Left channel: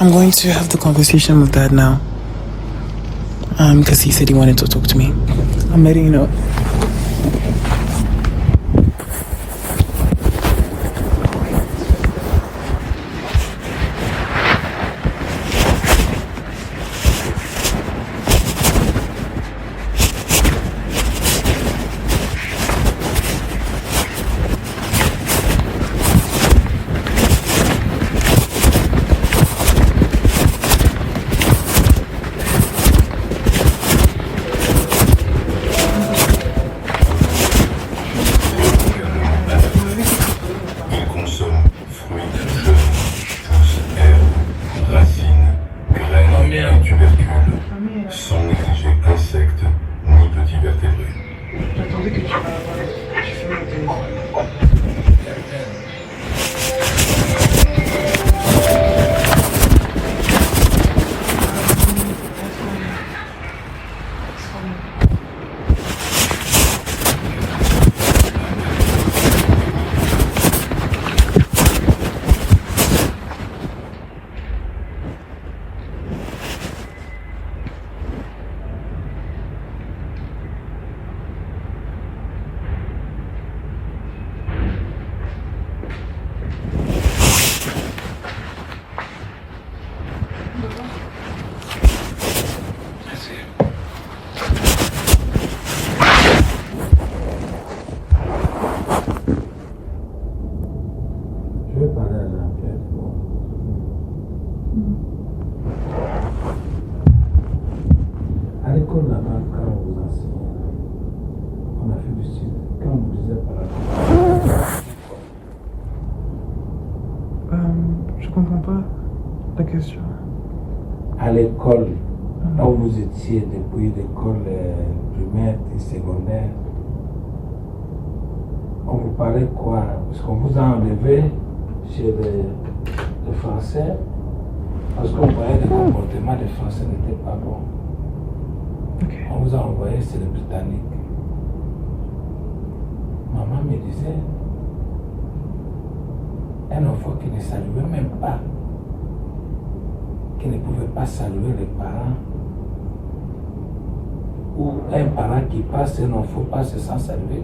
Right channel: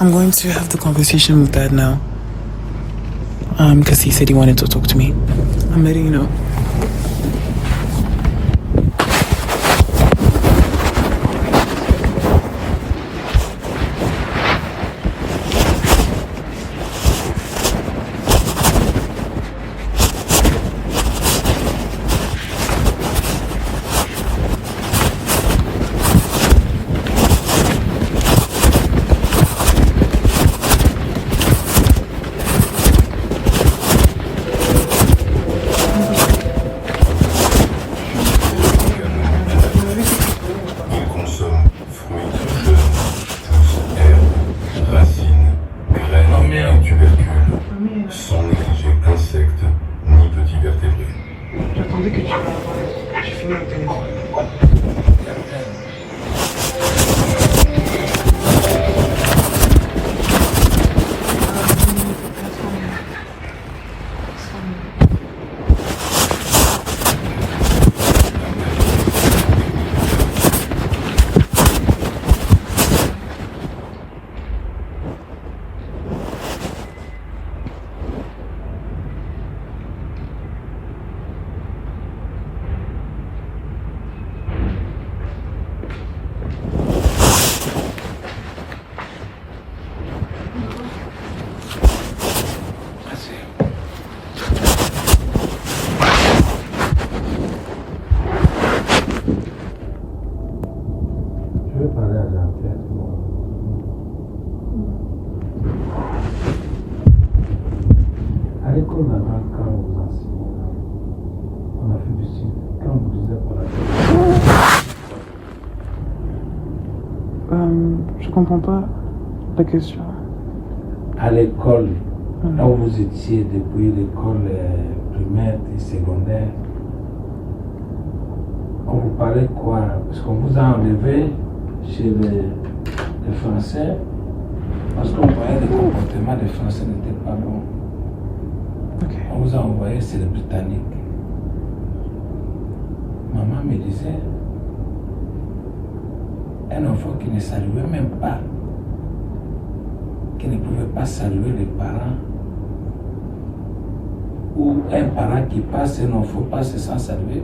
I'm going to have the conversation with Dad now. Because he said he wanted to talk to me. I'm letting you know. Je comprends pas la question. À l'école, là où vous étiez depuis l'école primaire et secondaire, on vous parlait quoi? Parce qu'on vous a enlevé chez les Français parce qu'on voyait le comportement des Français n'était pas bon. Okay. On vous a envoyé chez les Britanniques. Maman me disait, un enfant qui ne saluait même pas, qui ne pouvait pas saluer les parents, ou un parent qui passe, un enfant passe sans saluer,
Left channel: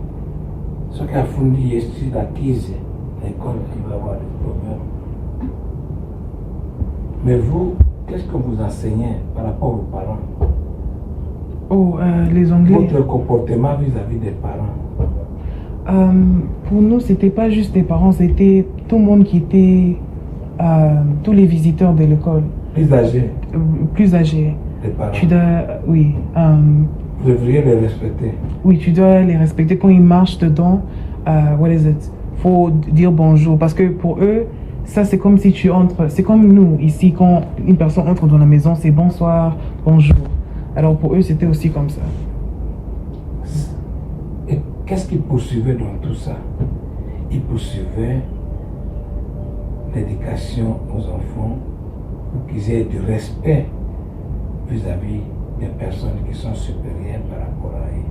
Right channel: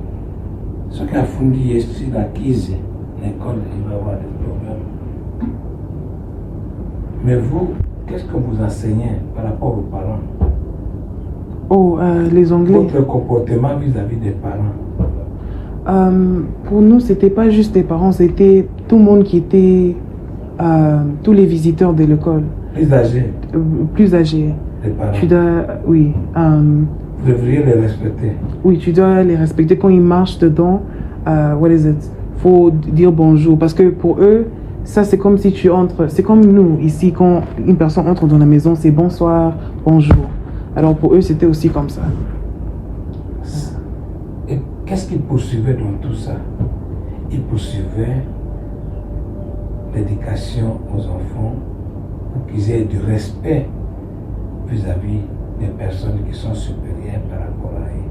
ce qui a fourni ici la crise, l'école, il va avoir des problèmes. Mais vous, qu'est-ce que vous enseignez par rapport aux parents? Oh, les Anglais. Votre comportement vis-à-vis des parents. Pour nous, c'était pas juste les parents, c'était tout le monde qui était, tous les visiteurs de l'école. Plus âgés. Plus âgés. Les parents. Tu dois, oui. Vous devriez les respecter. Oui, tu dois les respecter quand ils marchent dedans. What is it? Faut dire bonjour parce que pour eux, ça c'est comme si tu entres. C'est comme nous ici quand une personne entre dans la maison, c'est bonsoir, bonjour. Alors pour eux, c'était aussi comme ça. Et qu'est-ce qu'ils poursuivaient dans tout ça? Ils poursuivaient l'éducation aux enfants pour qu'ils aient du respect vis-à-vis des personnes qui sont supérieures par rapport à eux.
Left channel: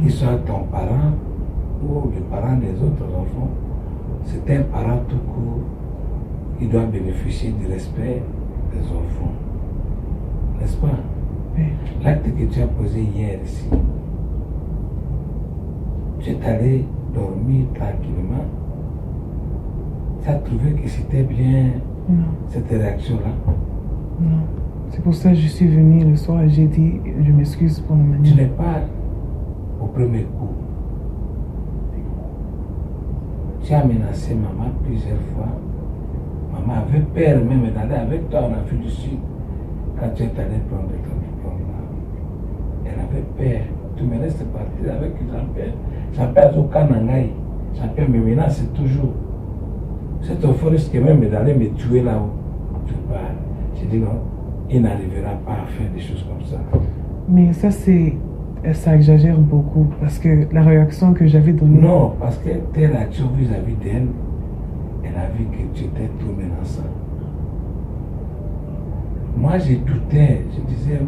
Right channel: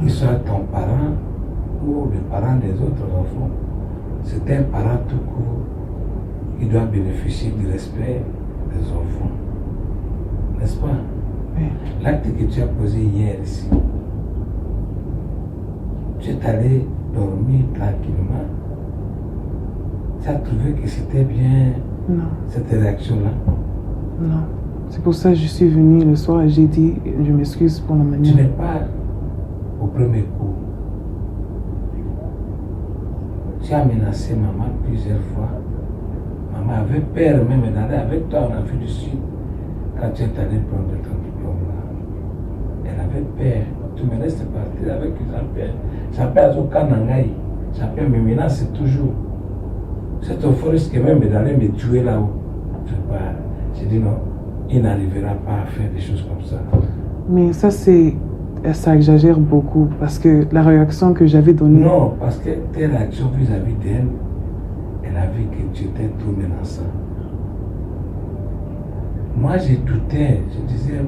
Qu'ils soient ton parent ou les parents des autres enfants, c'est un parent tout court qui doit bénéficier du respect des enfants. N'est-ce pas? Oui. L'acte que tu as posé hier ici, tu es allé dormir tranquillement. Tu as trouvé que c'était bien Non. cette réaction-là? Non. C'est pour ça que je suis venue le soir et j'ai dit, je m'excuse pour la manière. Tu n'es pas au premier coup. Tu as menacé maman plusieurs fois. Maman avait peur même d'aller avec toi en Afrique du Sud quand tu es allé prendre ton diplôme là. Elle avait peur. Tu me laisses partir avec Jean-Pierre. Jean-Pierre Azoka Nangaï. Jean-Pierre me menace toujours. Cet enfant risque même d'aller me tuer là-haut. J'ai dit non, il n'arrivera pas à faire des choses comme ça. Mais ça exagère beaucoup parce que la réaction que j'avais donnée. Non, parce que tes réactions vis-à-vis d'elle, elle a vu que tu étais trop menaçant. Moi, j'ai douté, je disais,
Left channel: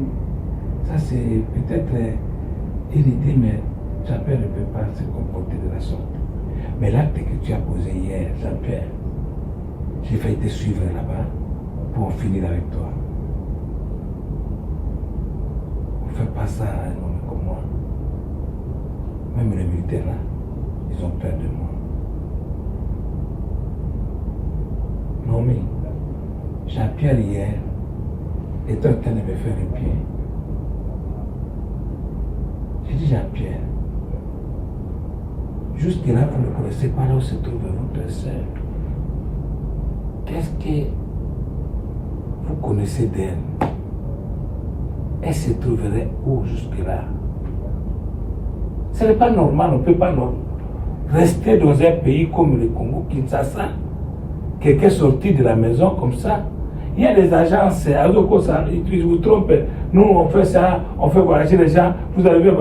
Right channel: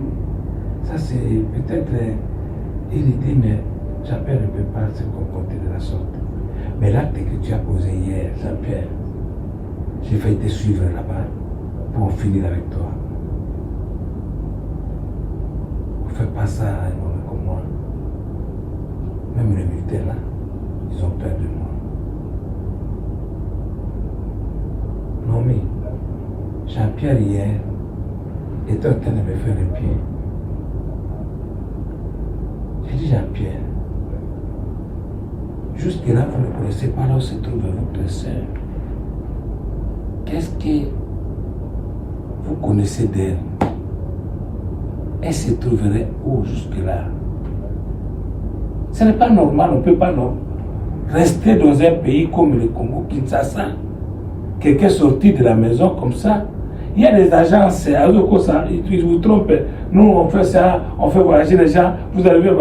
ça c'est peut-être une idée, mais Jean-Pierre ne peut pas se comporter de la sorte. Mais l'acte que tu as posé hier, Jean-Pierre, j'ai failli te suivre là-bas. pour finir avec toi. On ne fait pas ça à un homme comme moi. Même les militaires là, ils ont peur de moi. Non mais, Jean-Pierre hier était en train de me faire le pied. J'ai dit Jean-Pierre, jusque-là vous ne connaissez pas là où se trouve votre soeur. Qu'est-ce que vous connaissez d'elle? Elle se trouverait où jusque-là? Ce n'est pas normal, on ne peut pas rester dans un pays comme le Congo, Kinshasa. Quelqu'un sorti de la maison comme ça. Il y a des agences, ils vous trompent. Nous, on fait ça, on fait voyager les gens. Vous arrivez,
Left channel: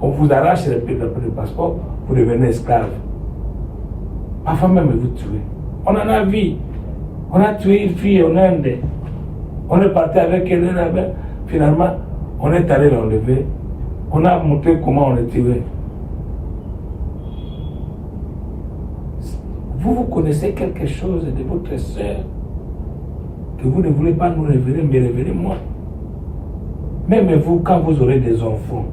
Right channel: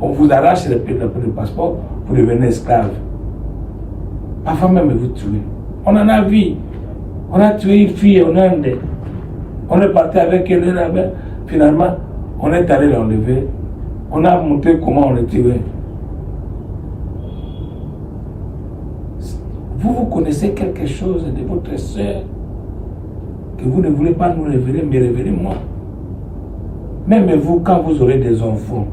on vous arrache le passeport, vous devenez esclave. Parfois même, vous tuez. On en a vu. On a tué une fille en Inde. On est parti avec elle. Finalement, on est allé l'enlever. On a montré comment on est tué. Vous connaissez quelque chose de votre soeur que vous ne voulez pas nous révéler, mais révélez-moi. Même vous, quand vous aurez des enfants,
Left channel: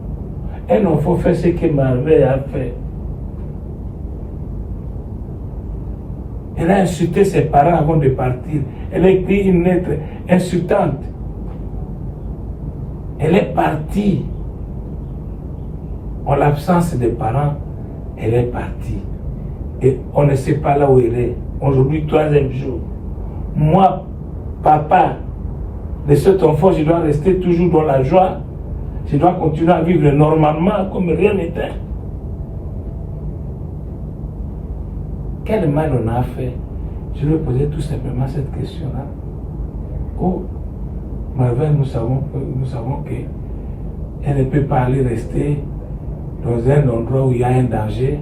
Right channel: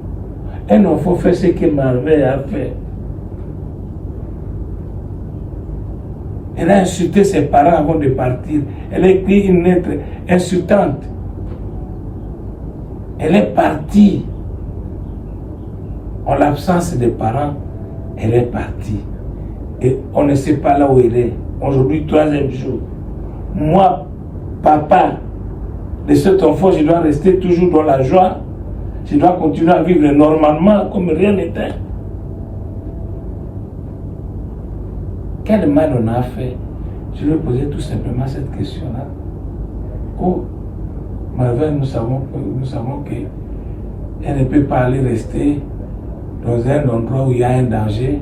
un enfant fait ce que ma mère a fait. Elle a insulté ses parents avant de partir. Elle a écrit une lettre insultante. Elle est partie. En l'absence des parents, elle est partie. Et on ne sait pas là où elle est. Aujourd'hui, 3e jour. Moi, papa de cet enfant, je dois rester toujours dans la joie. Je dois continuer à vivre normalement comme rien n'était. Quel mal on a fait? Je lui ai posé tout simplement cette question-là. Oh, ma mère, nous savons qu'elle ne peut pas aller rester dans un endroit où il y a un danger.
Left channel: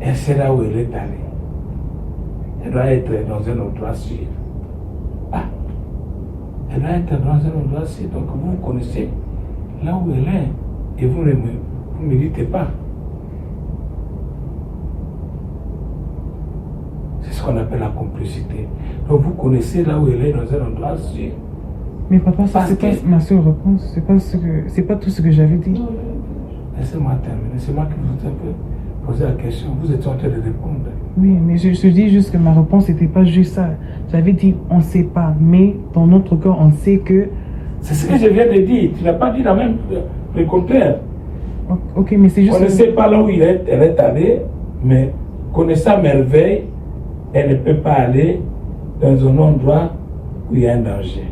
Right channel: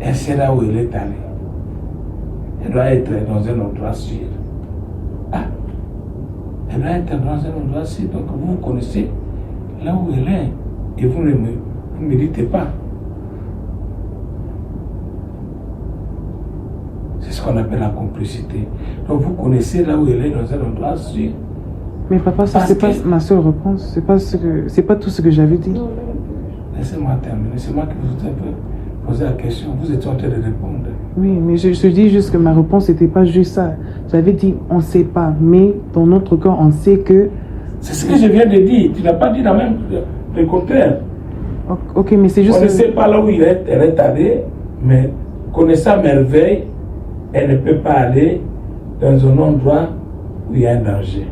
Elle sait là où elle est allée. Elle doit être dans un endroit sûr. Ah, elle doit être dans un endroit sûr. Donc vous connaissez là où elle est. Et vous ne me dites pas. C'est ce qu'on appelle la complicité. Donc vous connaissez là où elle est dans un endroit sûr. Mais papa, ça c'est pas ma seule réponse. C'est pas tout ce que j'avais dit. Laissez-moi terminer. C'est moi qui vous ai posé la question. Vous êtes en train de répondre. Oui, mais je dis juste que ma réponse n'était pas juste ça. J'avais dit on ne sait pas, mais dans notre corps on sait que. C'est ce que je viens de dire. Tu n'as pas dit le contraire. Ok, mais c'est juste. On ne sait pas là où elle est allée, mais connaissant merveille, elle ne peut pas aller dans un endroit où il y a un danger.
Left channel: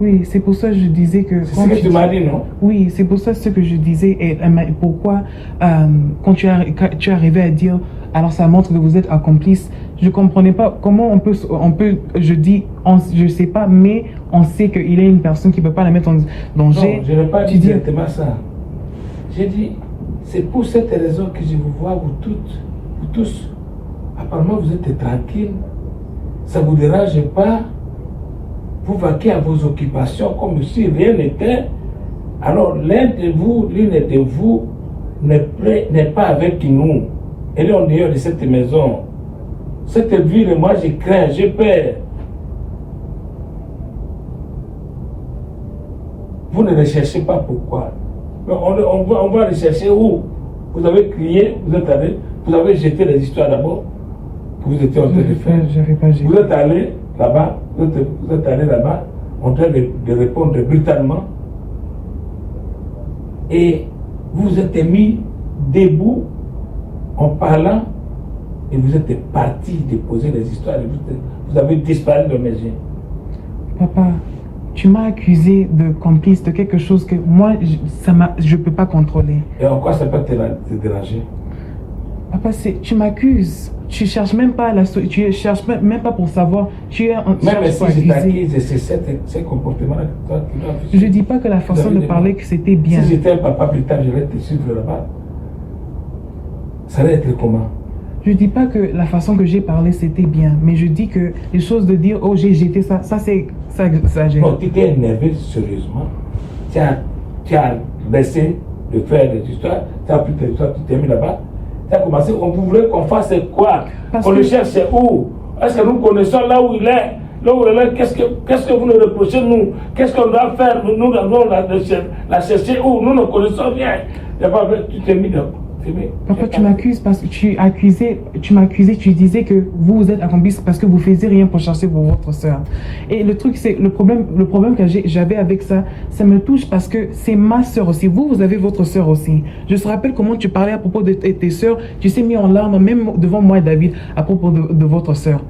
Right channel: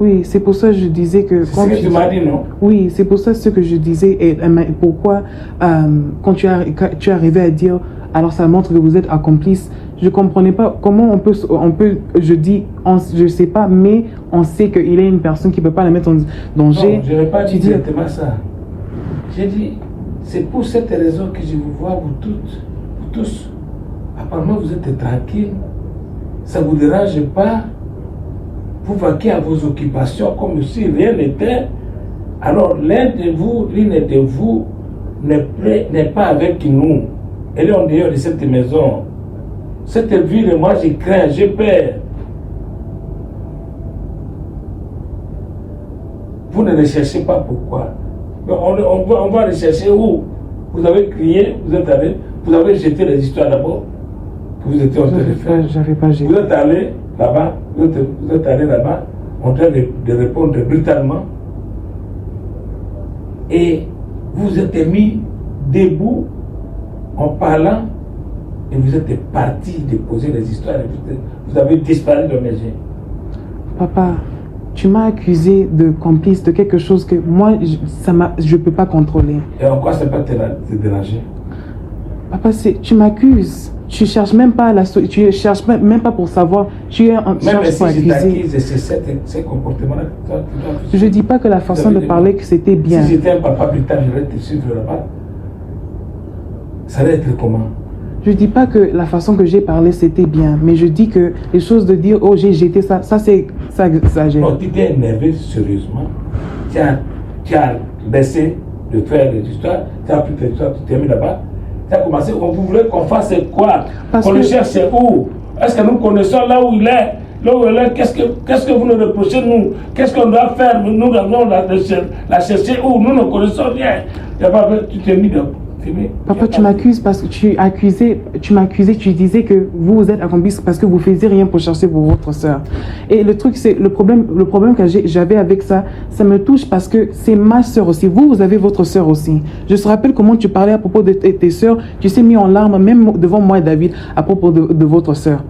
Oui, c'est pour ça que je disais que... C'est ce que tu m'as dit, non? Oui, c'est pour ça ce que je disais. Et pourquoi, quand tu es arrivé à dire, alors ça montre que vous êtes accomplice, je ne comprenais pas comment on peut je dis, je ne sais pas, mais on sait qu'il est une personne qui ne peut pas la mettre en danger. Non, je n'ai pas dit exactement ça. J'ai dit, c'est pour cette raison que je vous vois, vous tous, apparemment vous êtes tranquille, ça ne vous dérange pas. Vous vaquez à vos occupations comme si rien n'était. Alors l'une de vous n'est pas avec nous. Elle est en dehors de cette maison. Cette ville, moi j'y crains, j'ai peur. Vous ne recherchez pas pourquoi. On va rechercher où? Vous avez crié, vous êtes allé, vous avez jeté les histoires d'abord. Vous étiez en train de faire. J'avais pas jeté. Vous êtes allé là-bas, vous êtes allé là-bas, en train de répondre brutalement. Et vous êtes mis debout en parlant et vous êtes parti déposer les histoires. Vous avez disparu de mes yeux. Papa, tu m'as accusé de complice de quelque chose que moi, je ne peux pas contrôler. Et en quoi ça peut te déranger? Papa, tu m'accuses. Tu cherches même pas tu cherches même pas pour savoir. Tu cherches pour accuser. C'est comportement-là. Je dis pas que la façon de parler que c'était bien. Si j'étais un papa plus tard, je vais te suivre là-bas. Ça allait être comment? Je dis pas que la façon que j'ai parlé c'était bien, mais je dis que les choses de dire oh j'ai jeté ça c'est ça exagéré. Non, tu t'es énervé sérieusement. Tu as baissé de faire des histoires. Tu as pris tes histoires, tu t'es mis là-bas. Tu as commencé, vous voulez qu'on fasse quoi? Qu'on le cherche où? Est-ce que nous connaissons là où il est? qu'est-ce que vous nous reprochez, nous? Qu'est-ce qu'on doit faire? Nous avons la chercher où? Nous ne connaissons rien. Tu t'es mis de... Papa, tu m'accuses parce que tu m'accusais, tu disais que vous êtes accomplice parce que vous faisiez rien pour chercher pour votre soeur. Et le truc, c'est le problème que j'avais avec ça, ça me touche parce que c'est ma soeur aussi. Vous avez votre soeur aussi. Je te rappelle comment tu parlais à propos de tes soeurs. Tu t'es mis en larmes, même devant moi et David, à propos de votre soeur.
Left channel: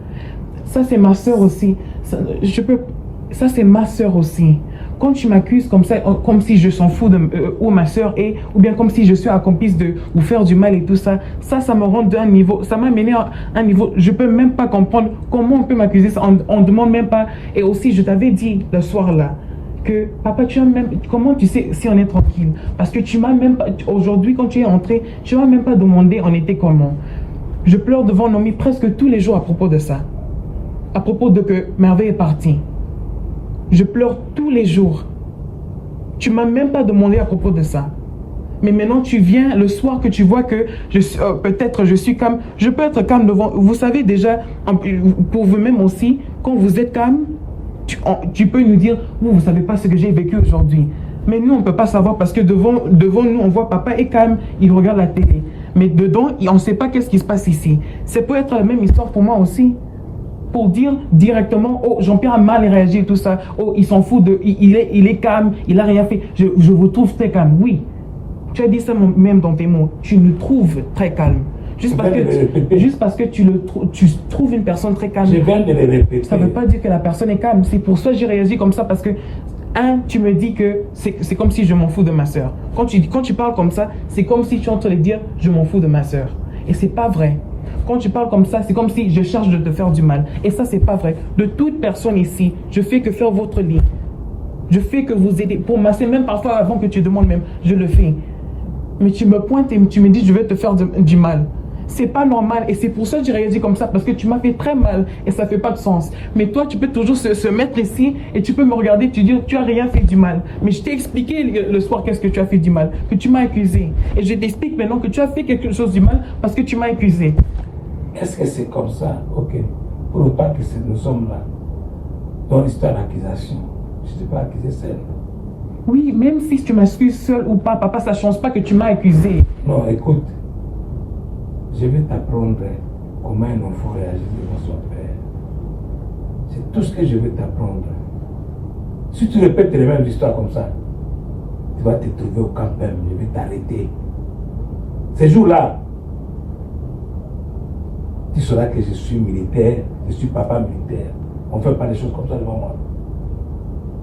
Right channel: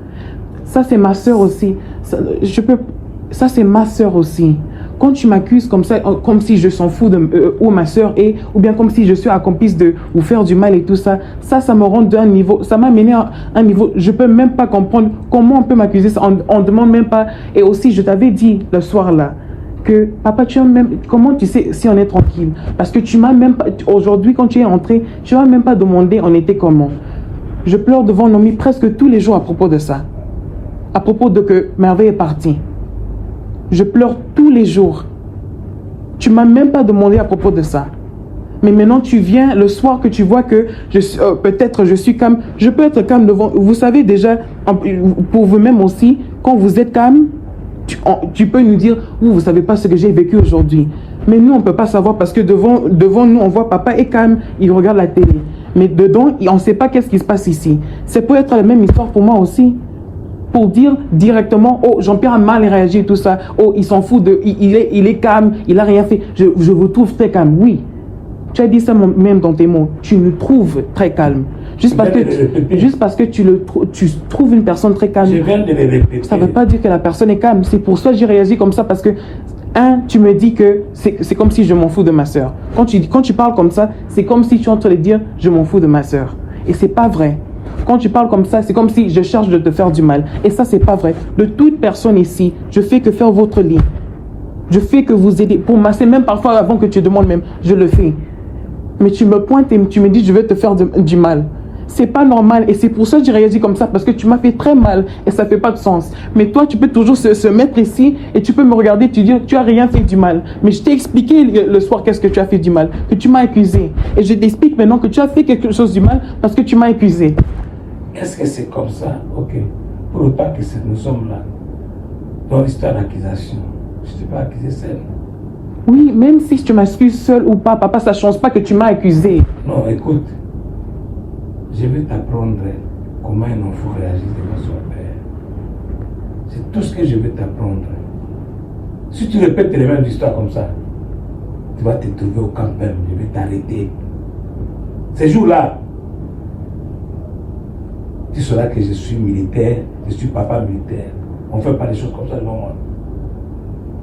Ça, c'est ma soeur aussi. Ça, c'est ma soeur aussi. Quand tu m'accuses comme ça, comme si je s'en fous de où ma soeur est, ou bien comme si je suis accomplice de vous faire du mal et tout ça, ça me rend d'un niveau, ça m'a mené à un niveau, je peux même pas comprendre comment on peut m'accuser ça, on demande même pas. Et aussi, je t'avais dit le soir là, que papa, comment tu sais si on est tranquille? Parce que tu m'as même pas, aujourd'hui quand tu es entré, tu m'as même pas demandé on était comment. Je pleure devant Nomi presque tous les jours à propos de ça, à propos de que Merveille est partie. Je pleure tous les jours. Tu m'as même pas demandé à propos de ça. Mais maintenant, tu viens le soir que tu vois que peut-être je suis calme. Je peux être calme devant... Vous savez déjà, pour vous-même aussi, quand vous êtes calme, tu peux nous dire, vous ne savez pas ce que j'ai vécu aujourd'hui. Mais nous, on ne peut pas savoir parce que devant nous, on voit papa est calme, il regarde la télé. Mais dedans, on ne sait pas qu'est-ce qui se passe ici. Ça peut être la même histoire pour moi aussi. Pour dire directement, oh, Jean-Pierre a mal réagi et tout ça, oh, il s'en fout il est calme, il n'a rien fait, je vous trouve très calme. Oui, tu as dit ça même dans tes mots, tu nous trouves très calme. Juste parce que tu trouves une personne très calme, je viens de le répéter. Ça ne veut pas dire que la personne est calme. C'est pour ça que j'ai réagi comme ça, parce que, tu me dis que c'est comme si je m'en fous de ma soeur. Quand tu parles comme ça, c'est comme si tu es en train de dire, je m'en fous de ma soeur. Et c'est pas vrai. Quand tu parles comme ça, c'est comme si je cherche de te faire du mal. Et ça, c'est pas vrai. De toute personne ici, je fais que faire votre lit. Je fais que vous aider. Pour masser, même parfois avant que tu demandes même, je le fais. Mais tu me pointes et tu me dis, je vais te faire du mal. C'est pas normal. Et c'est pour ça que j'ai réagi comme ça, parce que tu m'as fait très mal et ça fait pas de sens. Mais toi, tu peux toujours se mettre ici et tu peux me regarder et te dire, tu as rien fait du mal. Mais je t'ai expliqué le soir qu'est-ce que tu as fait du mal, que tu m'as accusé. Et je t'explique maintenant que tu as fait quelque chose du mal parce que tu m'as accusé. Est-ce que c'est comme ça? Ok. Pour autant que nous sommes là, dans l'histoire d'accusation, je ne t'ai pas accusé seul. Oui, même si tu m'accuses seul ou pas, papa, ça ne change pas que tu m'as accusé. Non, écoute, je vais t'apprendre comment un enfant réagit devant son père. C'est tout ce que je vais t'apprendre. Si tu répètes les mêmes histoires comme ça, tu vas te trouver au camp ferme, je vais t'arrêter. Ces jours-là, tu sauras que je suis militaire, je suis papa militaire. On ne fait pas des choses comme ça devant moi.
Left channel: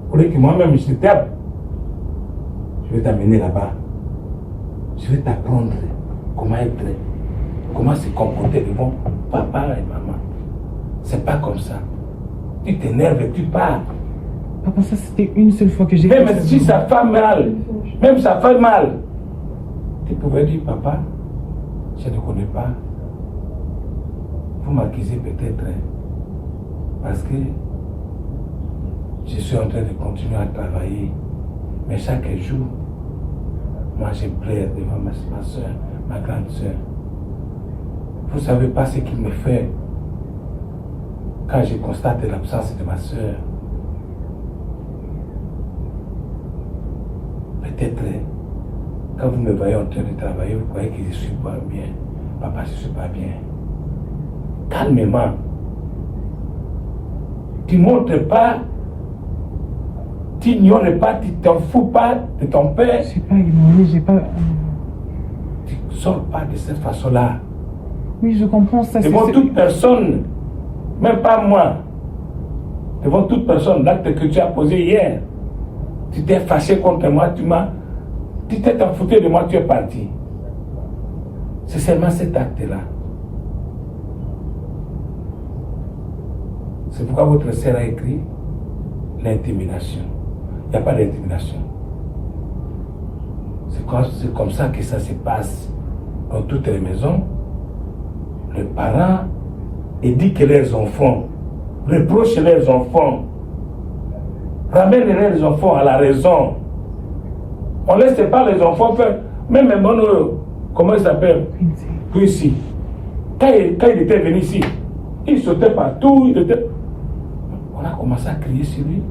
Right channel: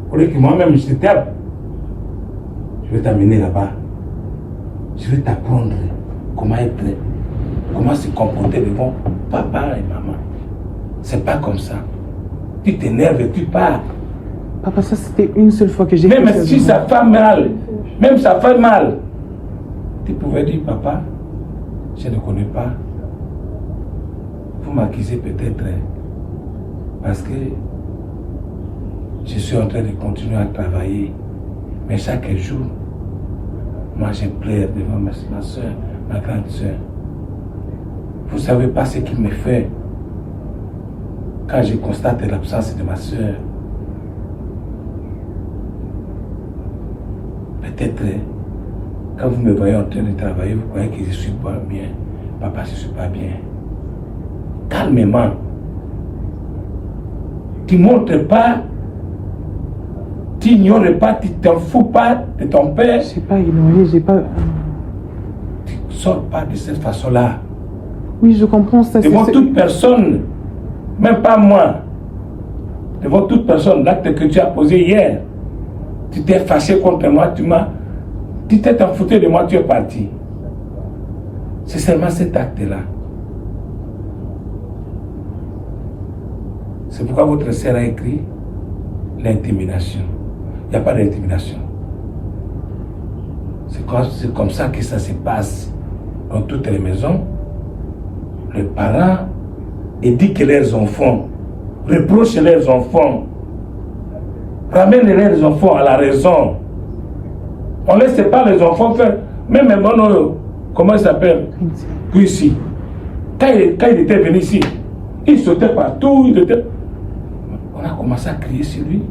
Pour que moi-même je te tape, je vais t'amener là-bas. Je vais t'apprendre comment être, comment se comporter devant papa et maman. C'est pas comme ça. Tu t'énerves et tu pars. Papa, ça c'était une seule fois que j'ai fait ça. Même si ça fait mal, même ça fait mal, tu pouvais dire, papa, je ne connais pas. Vous m'accusez peut-être parce que je suis en train de continuer à travailler. Mais chaque jour, moi je pleure devant ma soeur, ma grande soeur. Vous ne savez pas ce qu'il me fait quand je constate l'absence de ma soeur. Peut-être quand vous me voyez en train de travailler, vous croyez que je ne suis pas bien. Papa, je ne suis pas bien. Calmement. Tu ne montres pas, tu ignores pas, tu t'en fous pas de ton père. Je n'ai pas ignoré, j'ai pas... Tu ne sors pas de cette façon-là. Oui, je comprends ça. Devant toute personne, même pas moi, devant toute personne, l'acte que tu as posé hier, tu t'es fâché contre moi, tu t'es foutu de moi, tu es parti. C'est seulement cet acte-là. C'est pourquoi votre sœur a écrit l'intimidation. Il n'y a pas d'intimidation. C'est comme ça que ça se passe dans toutes les maisons. Les parents éduquent leurs enfants, reprochent leurs enfants, ramènent leurs enfants à la raison. On ne laisse pas les enfants faire, même comment il s'appelle? Ici. Quand il était venu ici, il sautait partout, On a commencé à crier sur lui.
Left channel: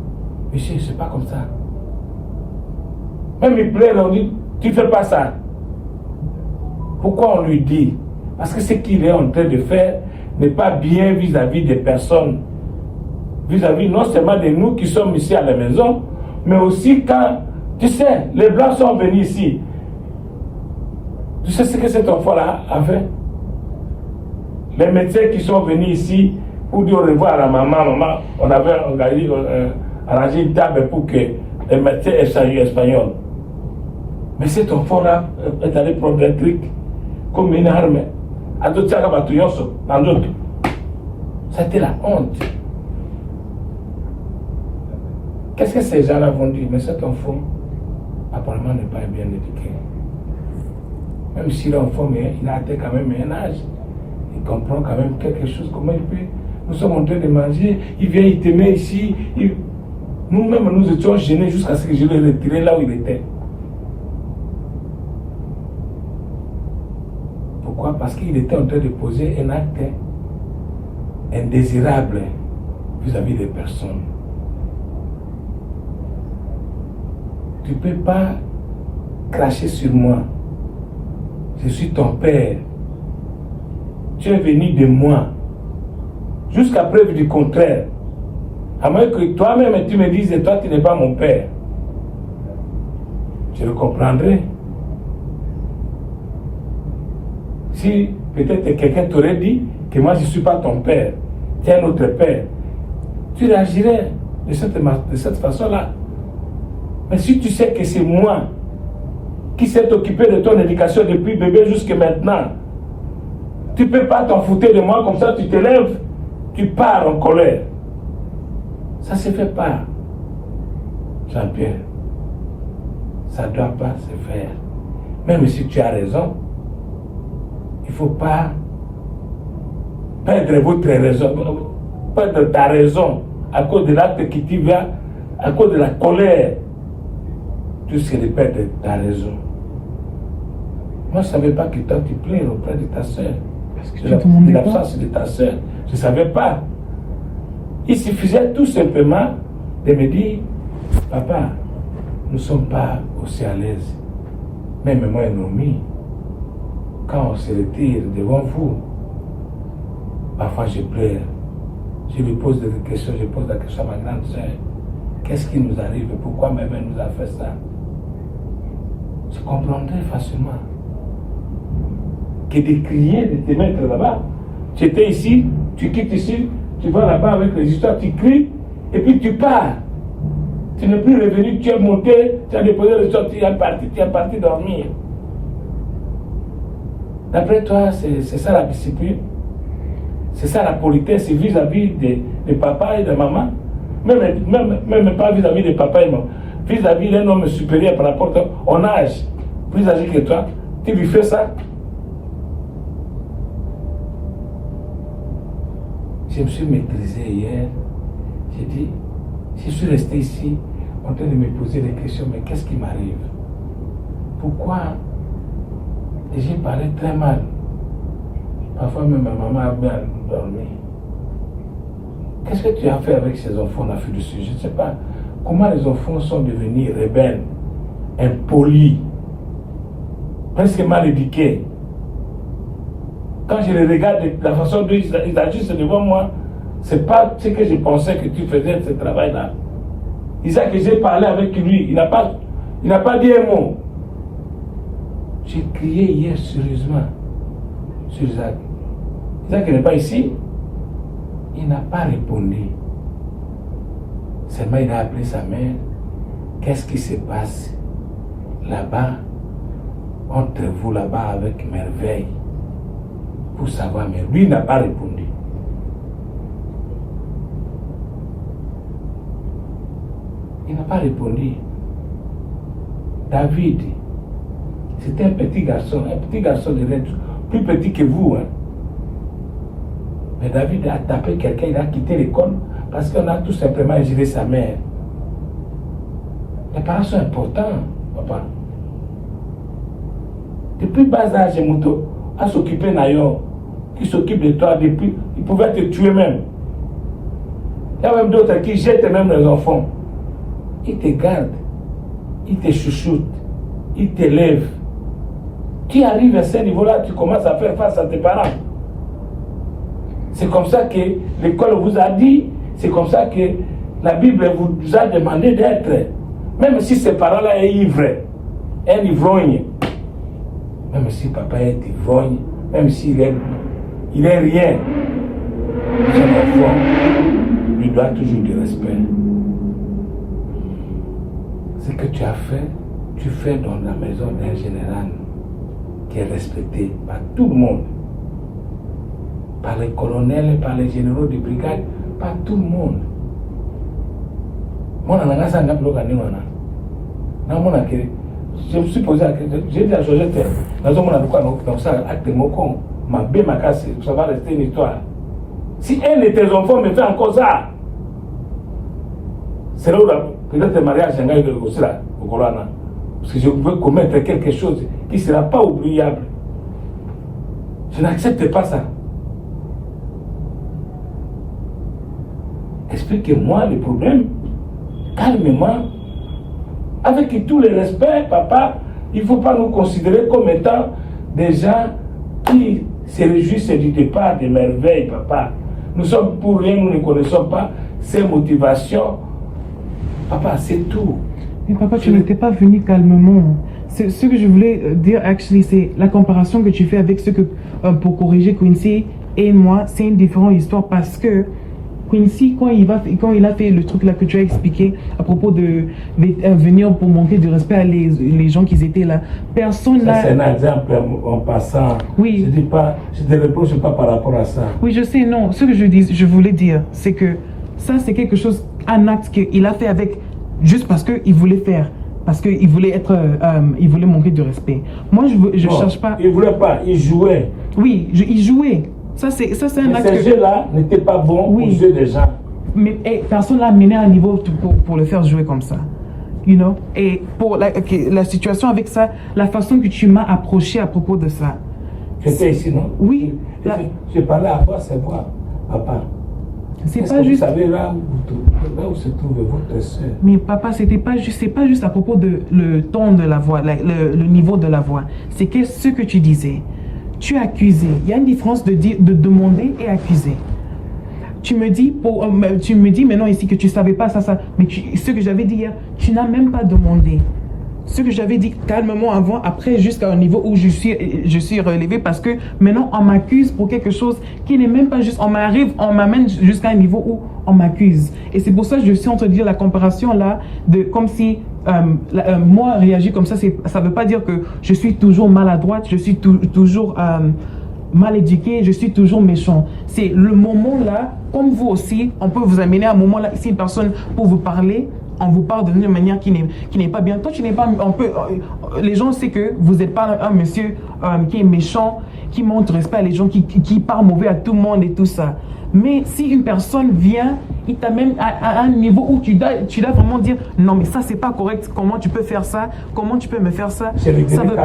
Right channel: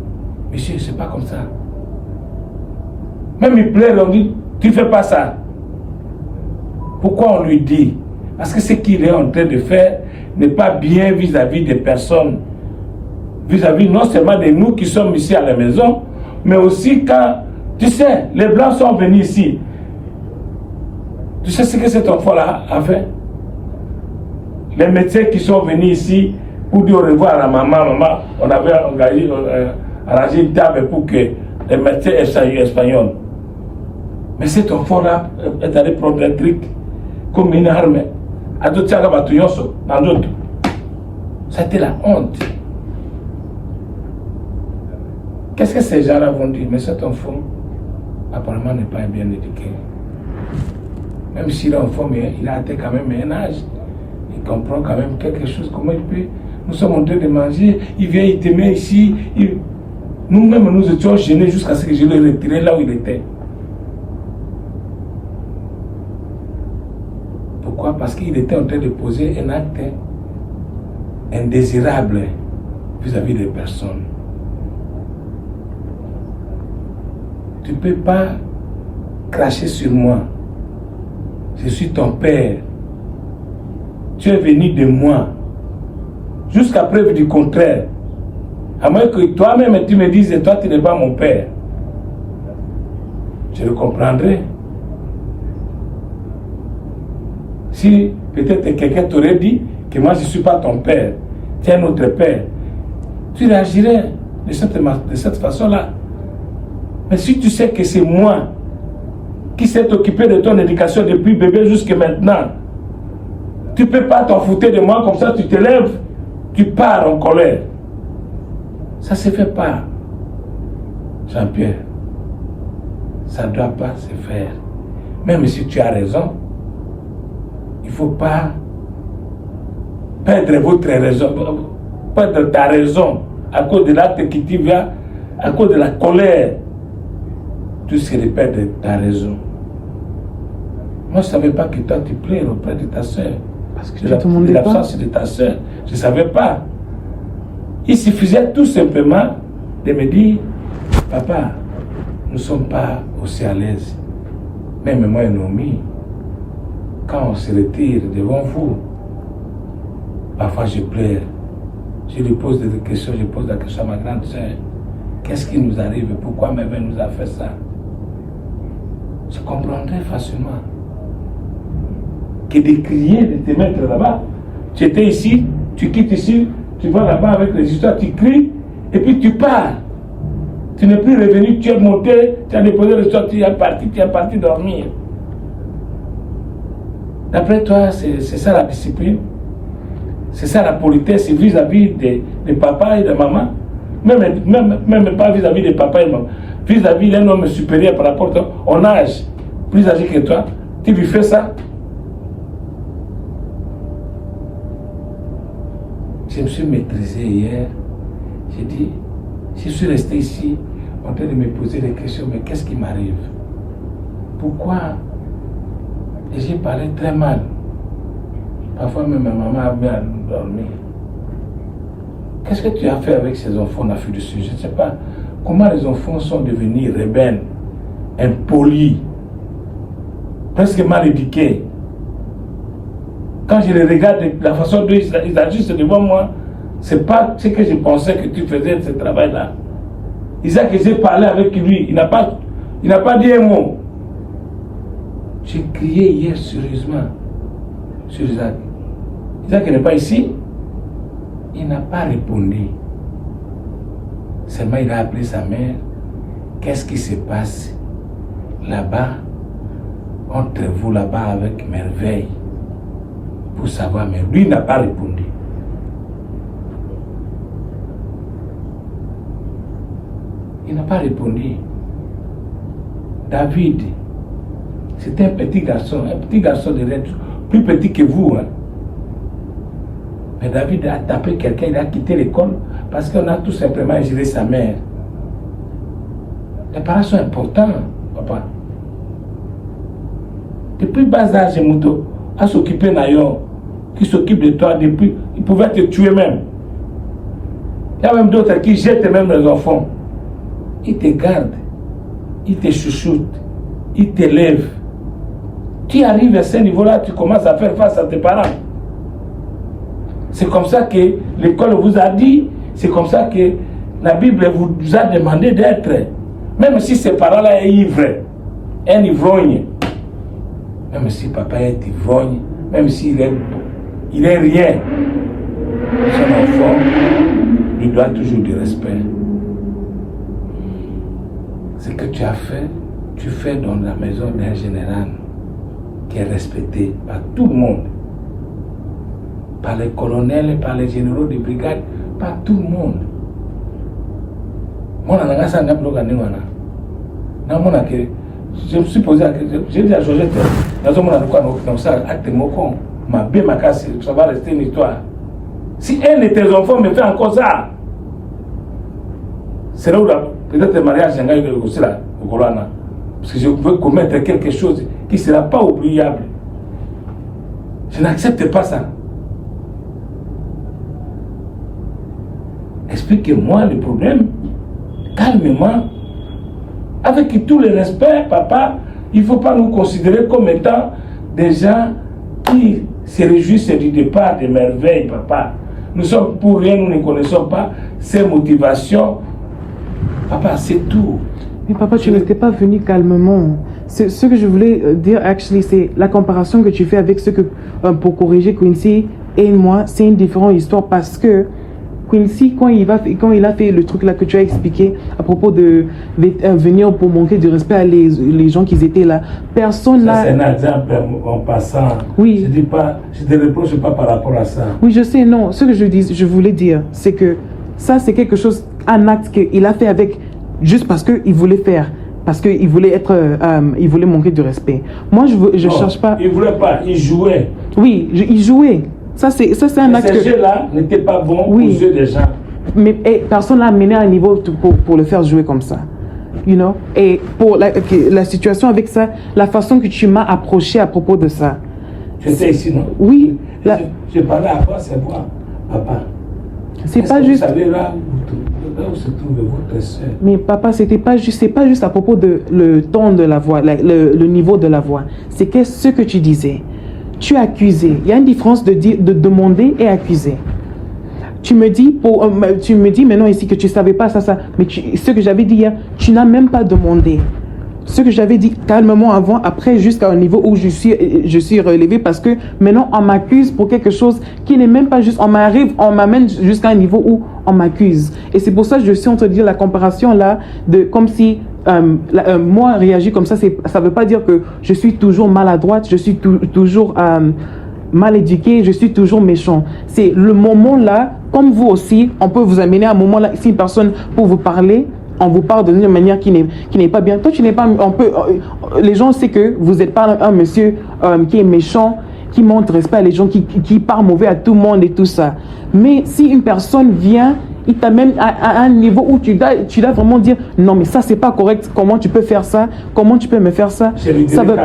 Monsieur, c'est pas comme ça. Même il plaît, on dit, tu fais pas ça. Pourquoi on lui dit? Parce que ce qu'il est en train de faire n'est pas bien vis-à-vis des personnes. Vis-à-vis non seulement de nous qui sommes ici à la maison, mais aussi quand, tu sais, les Blancs sont venus ici. Tu sais ce que cet enfant-là a fait? Les médecins qui sont venus ici pour dire au revoir à maman, on avait arrangé une table pour que les médecins échangent espagnol. Mais cet enfant-là est allé prendre un truc comme une arme. C'était la honte. Qu'est-ce que ces gens-là vont dire? Mais cet enfant, apparemment, n'est pas bien éduqué. Même si l'enfant, il a atteint quand même un âge, il comprend quand même quelque chose, comment il peut. Nous sommes en train de manger, il vient, il te met ici. Nous-mêmes, nous étions gênés jusqu'à ce que je le retire là où il était. Pourquoi? Parce qu'il était en train de poser un acte indésirable vis-à-vis des personnes. Tu ne peux pas cracher sur moi. Je suis ton père. Tu es venu de moi. Jusqu'à preuve du contraire. À moins que toi-même tu me dises, toi tu n'es pas mon père. Je le comprendrai. Si peut-être quelqu'un t'aurait dit que moi je ne suis pas ton père, tu es notre père, tu réagirais de cette façon-là. Mais si tu sais que c'est moi qui s'est occupé de ton éducation depuis bébé jusqu'à maintenant, tu ne peux pas t'en foutre de moi comme ça, tu te lèves, tu pars en colère. Ça ne se fait pas, Jean-Pierre. Ça ne doit pas se faire. Même si tu as raison, il ne faut pas perdre votre raison, perdre ta raison à cause de l'acte qui t'y vient, à cause de la colère. Tu sais de perdre ta raison. Moi, je ne savais pas que toi, tu pleures auprès de ta soeur. Parce que tu ne demandais pas. L'absence de ta soeur. Je ne savais pas. Il suffisait tout simplement de me dire, papa, nous ne sommes pas aussi à l'aise. Même moi et Noémie, quand on se retire devant vous, parfois je pleure. Je lui pose des questions, je pose la question à ma grande soeur. Qu'est-ce qui nous arrive? Pourquoi ma mère nous a fait ça? Je comprendrais facilement. Que de crier, de te mettre là-bas. Tu étais ici, tu quittes ici, tu vas là-bas avec les histoires, tu cries, et puis tu pars. Tu n'es plus revenu, tu es monté, tu as déposé le soir, tu es parti dormir. D'après toi, c'est ça la discipline? C'est ça la politesse vis-à-vis de papa et de maman? Même pas vis-à-vis de papa et maman. Vis-à-vis d'un homme supérieur par rapport à ton âge, plus âgé que toi, tu lui fais ça? Je me suis maîtrisé hier. J'ai dit, je suis resté ici en train de me poser des questions, mais qu'est-ce qui m'arrive? Pourquoi? Et j'ai parlé très mal. Parfois même ma maman a mis à dormir. Qu'est-ce que tu as fait avec ces enfants en Afrique du Sud? Je ne sais pas. Comment les enfants sont devenus rebelles, impolis, presque mal éduqués. Quand je les regarde, la façon dont ils agissent devant moi, ce n'est pas ce que je pensais que tu faisais de ce travail-là. Isaac, j'ai parlé avec lui, il n'a pas dit un mot. J'ai crié hier sérieusement sur Isaac. Isaac n'est pas ici. Il n'a pas répondu. Seulement il a appelé sa mère. Qu'est-ce qui se passe là-bas, entre vous là-bas avec merveille, pour savoir, mais lui n'a pas répondu. Il n'a pas répondu. David, c'était un petit garçon de l'être, plus petit que vous. Hein. Mais David a tapé quelqu'un, il a quitté l'école parce qu'on a tout simplement géré sa mère. Les parents sont importants, papa. Depuis bas âge, Mouto a s'occupé d'Ayon, qui s'occupe de toi depuis, il pouvait te tuer même. Il y a même d'autres qui jettent même les enfants. Ils te gardent, ils te chouchoutent, ils t'élèvent. Tu arrives à ce niveau-là, tu commences à faire face à tes parents. C'est comme ça que l'école vous a dit, c'est comme ça que la Bible vous a demandé d'être. Même si ces parents-là sont ivres, un ivrogne, même si papa est ivrogne, même s'il est rien, son enfant lui doit toujours du respect. Ce que tu as fait, tu fais dans la maison d'un général qui est respecté par tout le monde, par les colonels, par les généraux de brigade, par tout le monde. Je me suis posé la question, j'ai dit à Georgette, ça va rester une histoire. Si un de tes enfants me fait encore ça, c'est là où peut-être le mariage parce que je veux commettre quelque chose qui ne sera pas oubliable. Je n'accepte pas ça. Expliquez-moi le problème, calmement, avec tout le respect, papa. Il ne faut pas nous considérer comme étant des gens qui se réjouissent du départ des merveilles, papa. Nous sommes pour rien, nous ne connaissons pas ces motivations. Papa, c'est tout. Mais papa, tu n'étais pas venu calmement. Ce que je voulais dire, actually, c'est la comparaison que tu fais avec ce que, pour corriger Quincy et moi, c'est une différente histoire parce que Quincy, quand il a fait le truc là que tu as expliqué à propos de venir pour manquer de respect à les gens qui étaient là, personne là. C'est un exemple en passant. Oui. Je ne te reproche pas par rapport à ça. Oui, je sais, non. Ce que je voulais dire, c'est que ça, c'est quelque chose, un acte qu'il a fait avec, juste parce qu'il voulait faire. Parce qu'il voulait il voulait manquer de respect. Moi, je cherche pas. Il voulait pas, il jouait. Oui, il jouait. Ça, c'est un acte. Ce jeu-là n'était pas bon aux yeux des gens. Mais personne l'a amené à un niveau pour le faire jouer comme ça. You know? Et pour la situation avec ça, la façon que tu m'as approché à propos de ça. J'étais ici, non? Oui. Je parlais à toi, c'est moi, papa. C'est pas juste. Vous savez là où se trouve votre soeur? Mais papa, c'est pas juste à propos de le ton de la voix, le niveau de la voix. C'est ce que tu disais. Tu accusais. Il y a une différence de demander et accuser. Tu me dis maintenant ici que tu savais pas ça, mais ce que j'avais dit hier, tu n'as même pas demandé. Ce que j'avais dit calmement avant, après jusqu'à un niveau où je suis relevé parce que maintenant on m'accuse pour quelque chose qui n'est même pas juste, on m'amène jusqu'à un niveau où on m'accuse. Et c'est pour ça que je suis en train de dire la comparaison là, comme si moi réagir comme ça, ça veut pas dire que je suis toujours maladroite, je suis toujours mal éduqué, je suis toujours méchant. C'est le moment là, comme vous aussi, on peut vous amener à un moment là, si une personne pour vous parler, on vous parle d'une manière qui n'est pas bien. Toi, tu n'es pas. Les gens savent que vous n'êtes pas un monsieur qui est méchant, qui montre respect à les gens, qui parle mauvais à tout le monde et tout ça. Mais si une personne vient, il t'amène à un niveau où tu dois vraiment dire non, mais ça, c'est pas correct. Comment tu peux faire ça? Comment tu peux me faire ça? Ça veut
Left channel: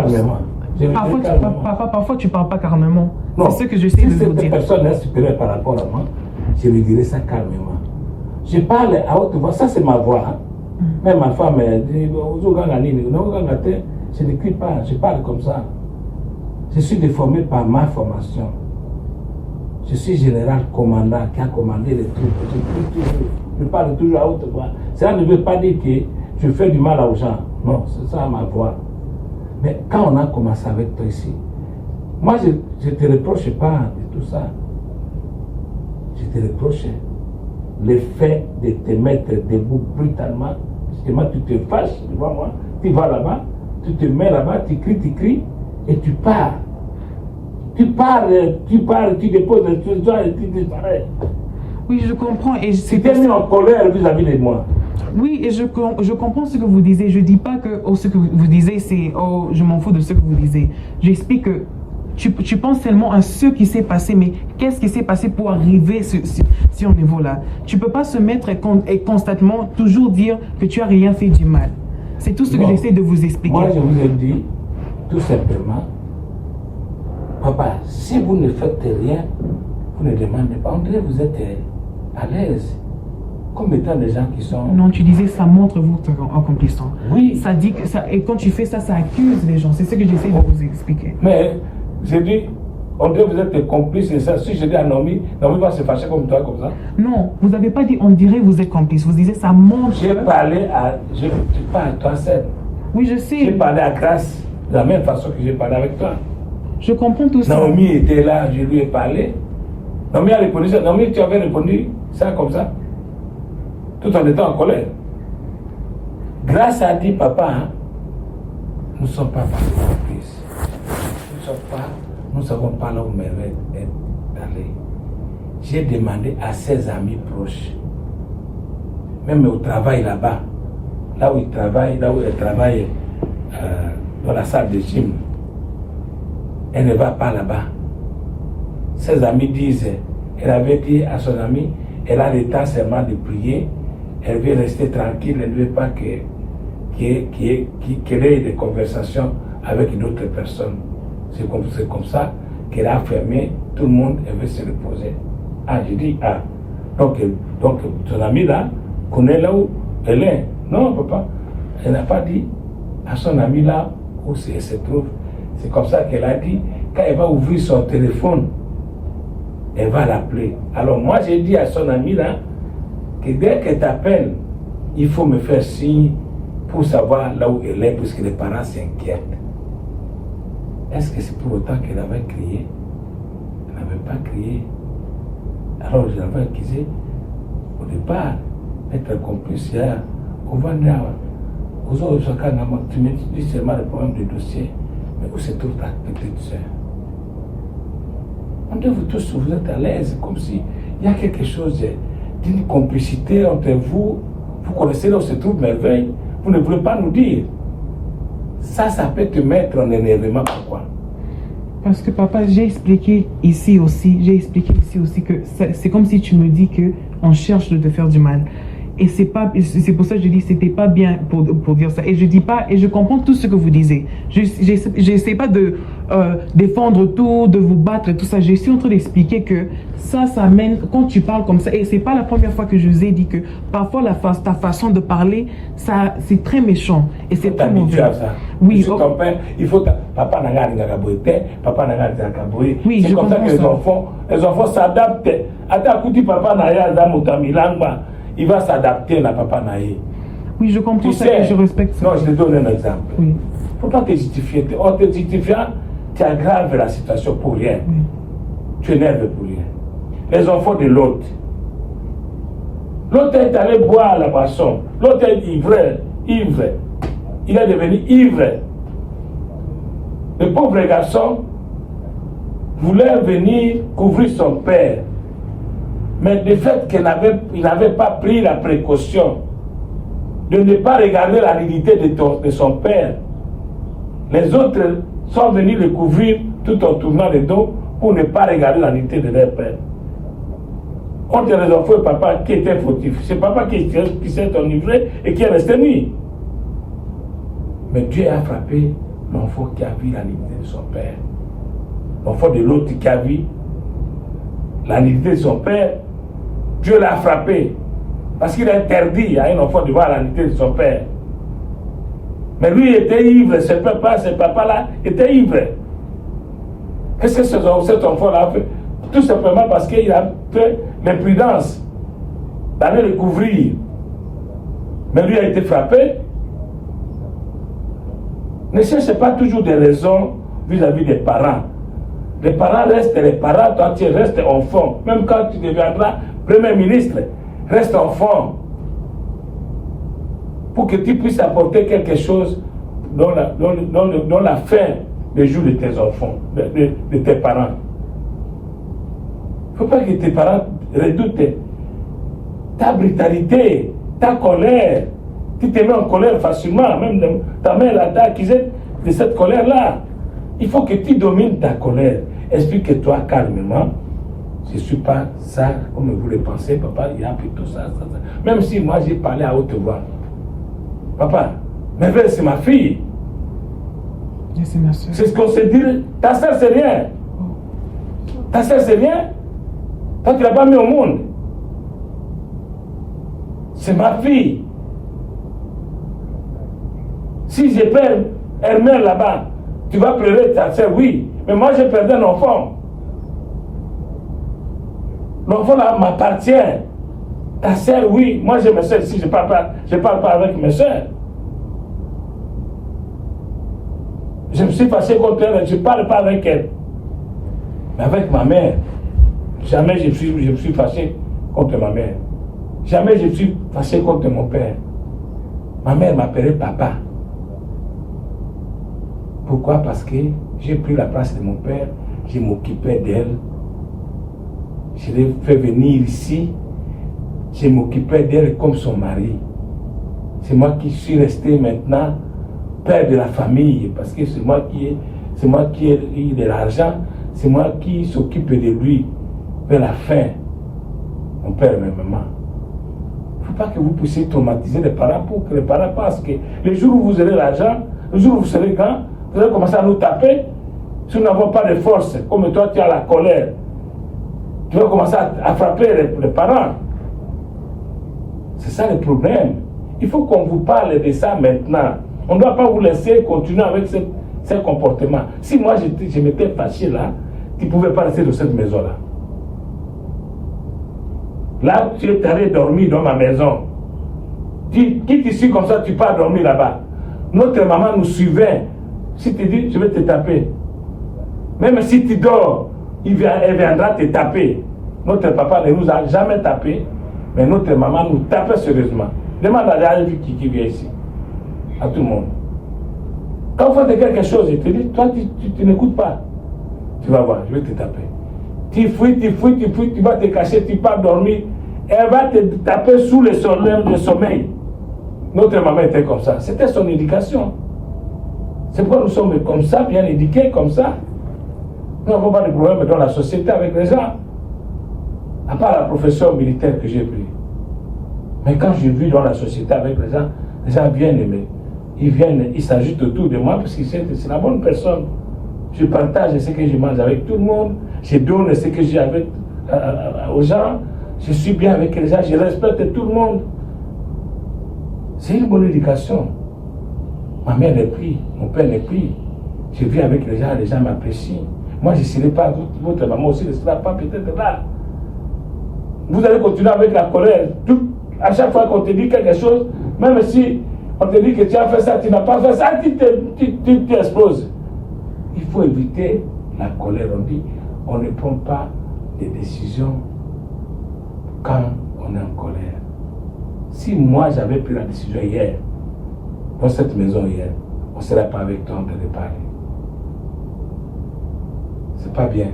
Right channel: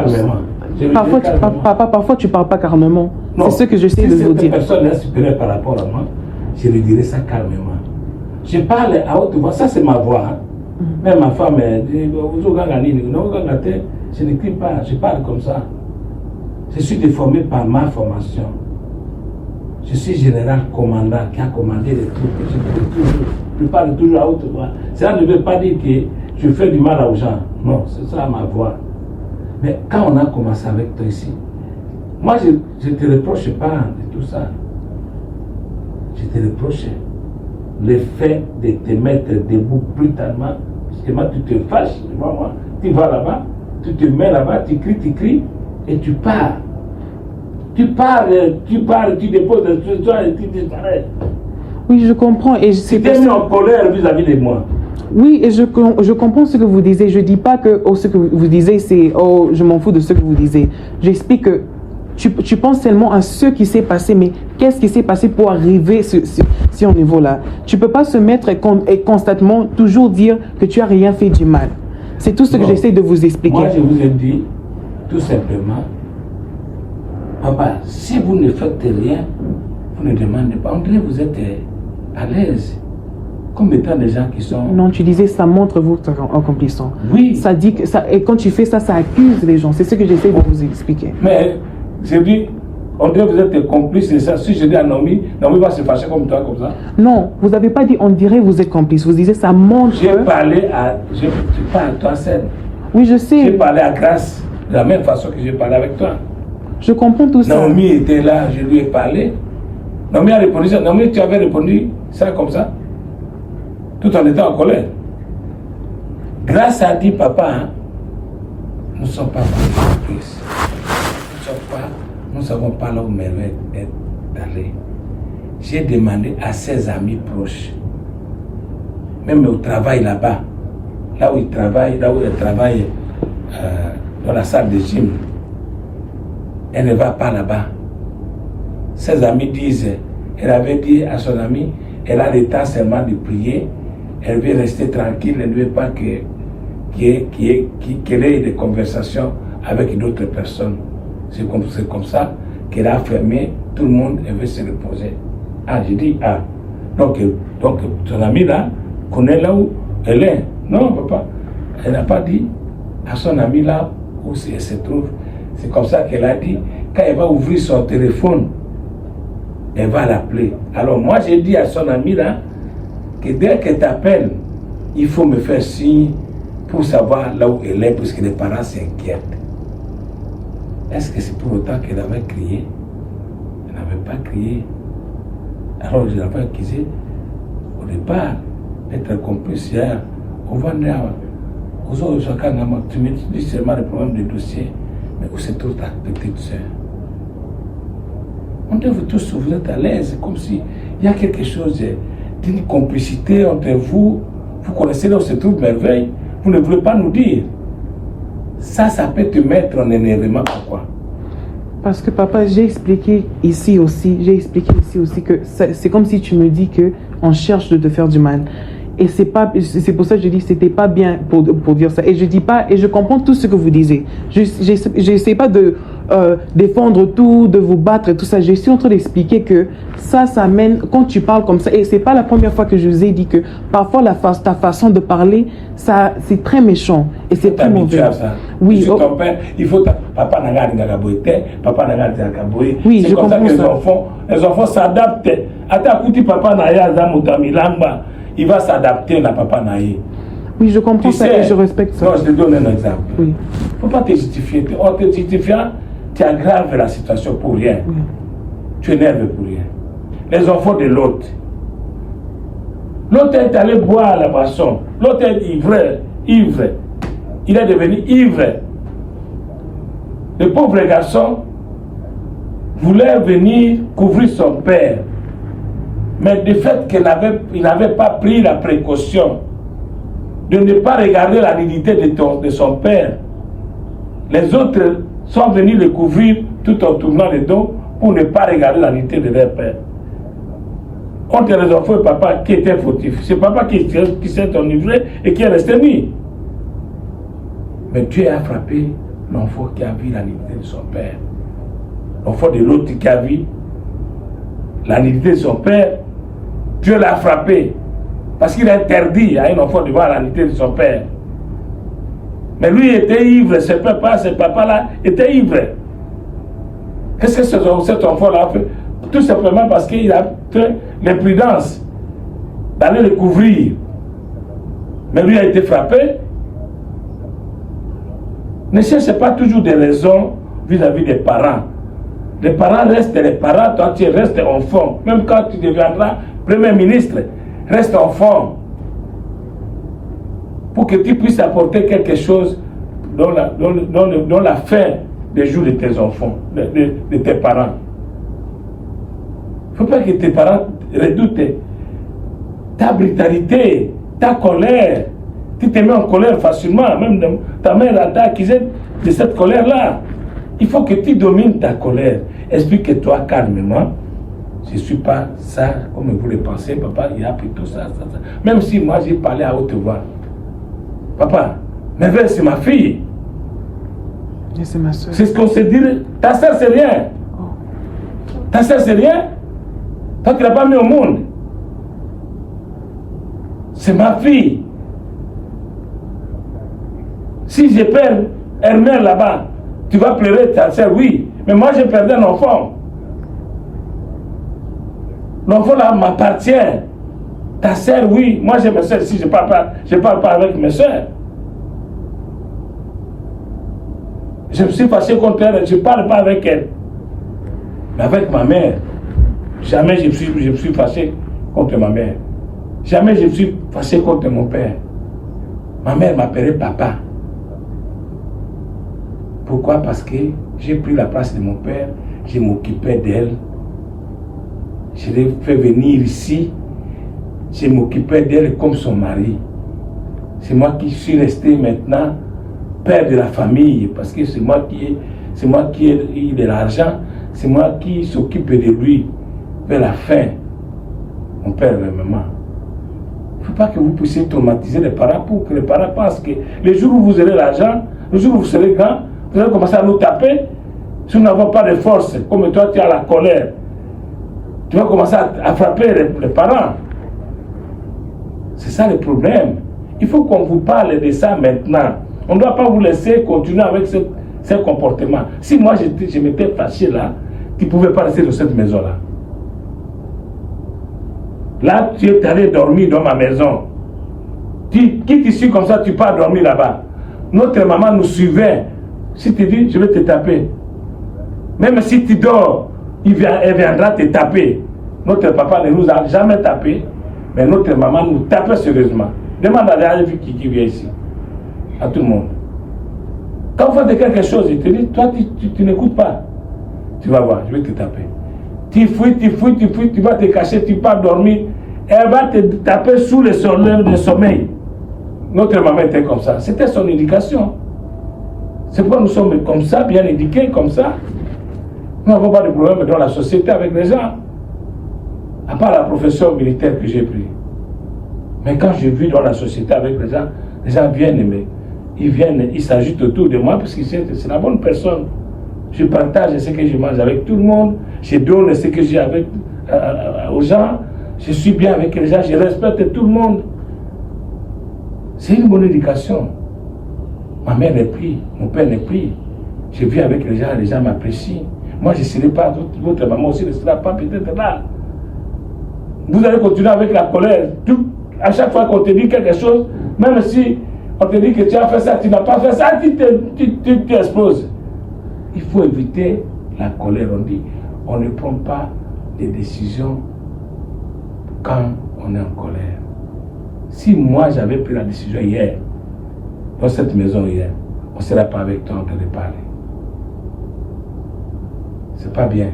Parfois, tu parles pas calmement. C'est ce que j'essaie de vous dire. Si cette personne est supérieure par rapport à moi, je lui dirai ça calmement. Je parle à haute voix, ça c'est ma voix. Hein. Même ma femme dit, je n'écris pas, je parle comme ça. Je suis déformé par ma formation. Je suis général commandant qui a commandé les troupes. Je parle toujours à haute voix. Cela ne veut pas dire que je fais du mal aux gens. Non, c'est ça ma voix. Mais quand on a commencé avec toi ici, moi je ne te reproche pas de tout ça. Je te reproche le fait de te mettre debout brutalement. Parce que tu te fâches devant moi, tu vas là-bas, tu te mets là-bas, tu cries, et tu pars. Tu déposes le trésor et tu disparais. Oui, je comprends. Et tu t'es mis en colère vis-à-vis de moi. Oui, et je comprends ce que vous disiez. Je ne dis pas que ce que vous disiez, c'est je m'en fous de ce que vous disiez. J'explique que tu penses seulement à ce qui s'est passé, mais qu'est-ce qui s'est passé pour arriver à ce niveau-là? Tu ne peux pas se mettre et constamment toujours dire que tu n'as rien fait du mal. C'est tout ce que j'essaie de vous expliquer. Moi, je vous ai dit, tout simplement, papa, si vous ne faites rien, vous ne demandez pas, on dirait que vous êtes à l'aise. comme étant des gens qui sont... Non, tu disais ça montre votre accomplissement. Oui. Ça dit que ça, et quand tu fais ça, ça accuse les gens. C'est ce que j'essaie de vous expliquer. Mais j'ai dit, on dirait que vous êtes des complices de ça. Si je dis à Naomi, Naomi va se fâcher comme toi, comme ça. Non, vous n'avez pas dit on dirait vous êtes complice. Vous disiez ça montre. J'ai parlé à... Je parle à toi, Seb. Oui, je sais. J'ai parlé à Grâce de la même façon que j'ai parlé avec toi. Je comprends tout ça. Naomi était là, je lui ai parlé. Naomi a répondu ça. Naomi, tu avais répondu ça comme ça, tout en étant en colère. Grâce a dit, papa, hein, nous ne sommes pas complices. Nous ne savons pas là où Merveille est allée. J'ai demandé à ses amis proches, même au travail là-bas, là où elle travaille dans la salle de gym, elle ne va pas là-bas. Ses amis disent, elle avait dit à son ami, elle a le temps seulement de prier, elle veut rester tranquille, elle ne veut pas qu'elle ait des conversations avec d'autres personnes. C'est comme ça qu'elle a fermé, tout le monde veut se reposer. Ah, j'ai dit, ah, donc ton ami là connaît là où elle est. Non, papa, elle n'a pas dit à son ami là où elle se trouve. C'est comme ça qu'elle a dit, quand elle va ouvrir son téléphone, elle va l'appeler. Alors moi j'ai dit à son ami là, que dès qu'elle t'appelle, il faut me faire signe pour savoir là où elle est, parce que les parents s'inquiètent. Est-ce que c'est pour autant qu'elle avait crié? Elle n'avait pas crié. Alors je l'avais accusé au départ d'être complice. On va dire, tu me dis seulement le problème des dossiers, mais où se trouve ta petite soeur? On dit vous tous, vous êtes à l'aise, comme s'il y a quelque chose d'une complicité entre vous. Vous connaissez là où se trouve Merveille, vous ne voulez pas nous dire. Ça peut te mettre en énervement. Pourquoi? Parce que papa, j'ai expliqué ici aussi que c'est comme si tu me dis que on cherche de te faire du mal. Et c'est pour ça que je dis que c'était pas bien pour dire ça. Et je dis pas, et je comprends tout ce que vous disiez. J'essaie pas de défendre tout, de vous battre et tout ça. Je suis en train d'expliquer que ça mène, quand tu parles comme ça, et c'est pas la première fois que je vous ai dit que parfois ta façon de parler, ça, c'est très méchant et c'est très mauvais. Oui. Ton père, il faut papa n'a pas papa n'a pas. Oui, je comprends ça. Les enfants s'adaptent. Attends, écoute, papa n'a pas il va s'adapter à papa naïe. Oui, je comprends ça et je respecte ça. Non, je te donne un exemple. Oui. Il ne faut pas te justifier. En te justifiant, tu aggraves la situation pour rien. Oui. Tu énerves pour rien. Les enfants de l'autre. L'autre est allé boire à la passion. L'autre est ivre. Il est devenu ivre. Le pauvre garçon voulait venir couvrir son père. Mais du fait qu'il n'avait pas pris la précaution de ne pas regarder la nudité de son père, les autres sont venus le couvrir tout en tournant le dos pour ne pas regarder la nudité de leur père. Contre les enfants et papa qui était fautif. C'est papa qui s'est enivré et qui est resté nu. Mais Dieu a frappé l'enfant qui a vu la nudité de son père. L'enfant de l'autre qui a vu la nudité de son père, Dieu l'a frappé. Parce qu'il a interdit à un enfant de voir la nudité de son père. Mais lui était ivre, ce papa-là était ivre. Qu'est-ce que cet enfant-là a fait? Tout simplement parce qu'il a fait l'imprudence d'aller le couvrir. Mais lui a été frappé. Ne cherchez pas toujours des raisons vis-à-vis des parents. Les parents restent les parents, toi tu restes enfant. Même quand tu deviendras Premier ministre, reste enfant. Pour que tu puisses apporter quelque chose dans la fin des jours de tes enfants, de tes parents. Il ne faut pas que tes parents redoutent ta brutalité, ta colère. Tu te mets en colère facilement, même ta mère a accusé de cette colère-là. Il faut que tu domines ta colère. Explique-toi calmement. Je ne suis pas ça comme vous le pensez, papa, il y a plutôt ça. Même si moi j'ai parlé à haute voix. Papa, Merveille c'est ma fille. Et c'est ma soeur. C'est ce qu'on se dit. Ta soeur c'est rien. Oh. Ta soeur c'est rien. Toi tu l'as pas mis au monde. C'est ma fille. Si je perds Hermel là-bas, tu vas pleurer ta soeur, oui. Mais moi, j'ai perdu un enfant. L'enfant là m'appartient. Ta soeur, oui. Moi, j'ai mes soeurs ici, je ne parle pas avec mes soeurs. Je me suis fâché contre elle, je ne parle pas avec elle. Mais avec ma mère, jamais je me suis fâché contre ma mère. Jamais je me suis fâché contre mon père. Ma mère m'appelait papa. Pourquoi? Parce que j'ai pris la place de mon père, je m'occupais d'elle. Je l'ai fait venir ici, je m'occupais d'elle comme son mari. C'est moi qui suis resté maintenant père de la famille, parce que c'est moi qui ai eu de l'argent, c'est moi qui s'occupe de lui vers la fin. Mon père et ma maman. Il ne faut pas que vous puissiez traumatiser les parents pour que les parents pensent que le jour où vous aurez l'argent, le jour où vous serez grand, vous allez commencer à nous taper. Si nous n'avons pas de force, comme toi tu as la colère, tu vas commencer à frapper les parents. C'est ça le problème. Il faut qu'on vous parle de ça maintenant. On ne doit pas vous laisser continuer avec ce comportement. Si moi je m'étais fâché là, tu ne pouvais pas rester dans cette maison-là. Là, tu es allé dormir dans ma maison. Tu quittes ici comme ça, tu pars dormir là-bas. Notre maman nous suivait. Si tu dis, je vais te taper. Même si tu dors, elle viendra te taper. Notre papa ne nous a jamais tapé, mais notre maman nous tapait sérieusement. Demande à la vie qui vient ici. À tout le monde. Quand on fait quelque chose, il te dit, toi, tu n'écoutes pas. Tu vas voir, je vais te taper. Tu fuis, tu vas te cacher, tu pars dormir. Elle va te taper sous le sommeil. Notre maman était comme ça. C'était son éducation. C'est pourquoi nous sommes comme ça, bien éduqués comme ça. Nous n'avons pas de problème dans la société avec les gens. À part la profession militaire que j'ai prise. Mais quand je vis dans la société avec les gens viennent, ils s'agitent autour de moi parce que c'est la bonne personne. Je partage ce que je mange avec tout le monde, je donne ce que j'ai aux gens, je suis bien avec les gens, je respecte tout le monde. C'est une bonne éducation. Ma mère est pris, mon père est pris. Je vis avec les gens m'apprécient. Moi, je ne serai pas, votre maman aussi ne sera pas peut-être là. Vous allez continuer avec la colère. À chaque fois qu'on te dit quelque chose, même si on te dit que tu as fait ça, tu n'as pas fait ça, tu exploses. Il faut éviter la colère. On dit, on ne prend pas des décisions quand on est en colère. Si moi j'avais pris la décision hier, dans cette maison hier, on ne serait pas avec toi en train de parler. C'est pas bien.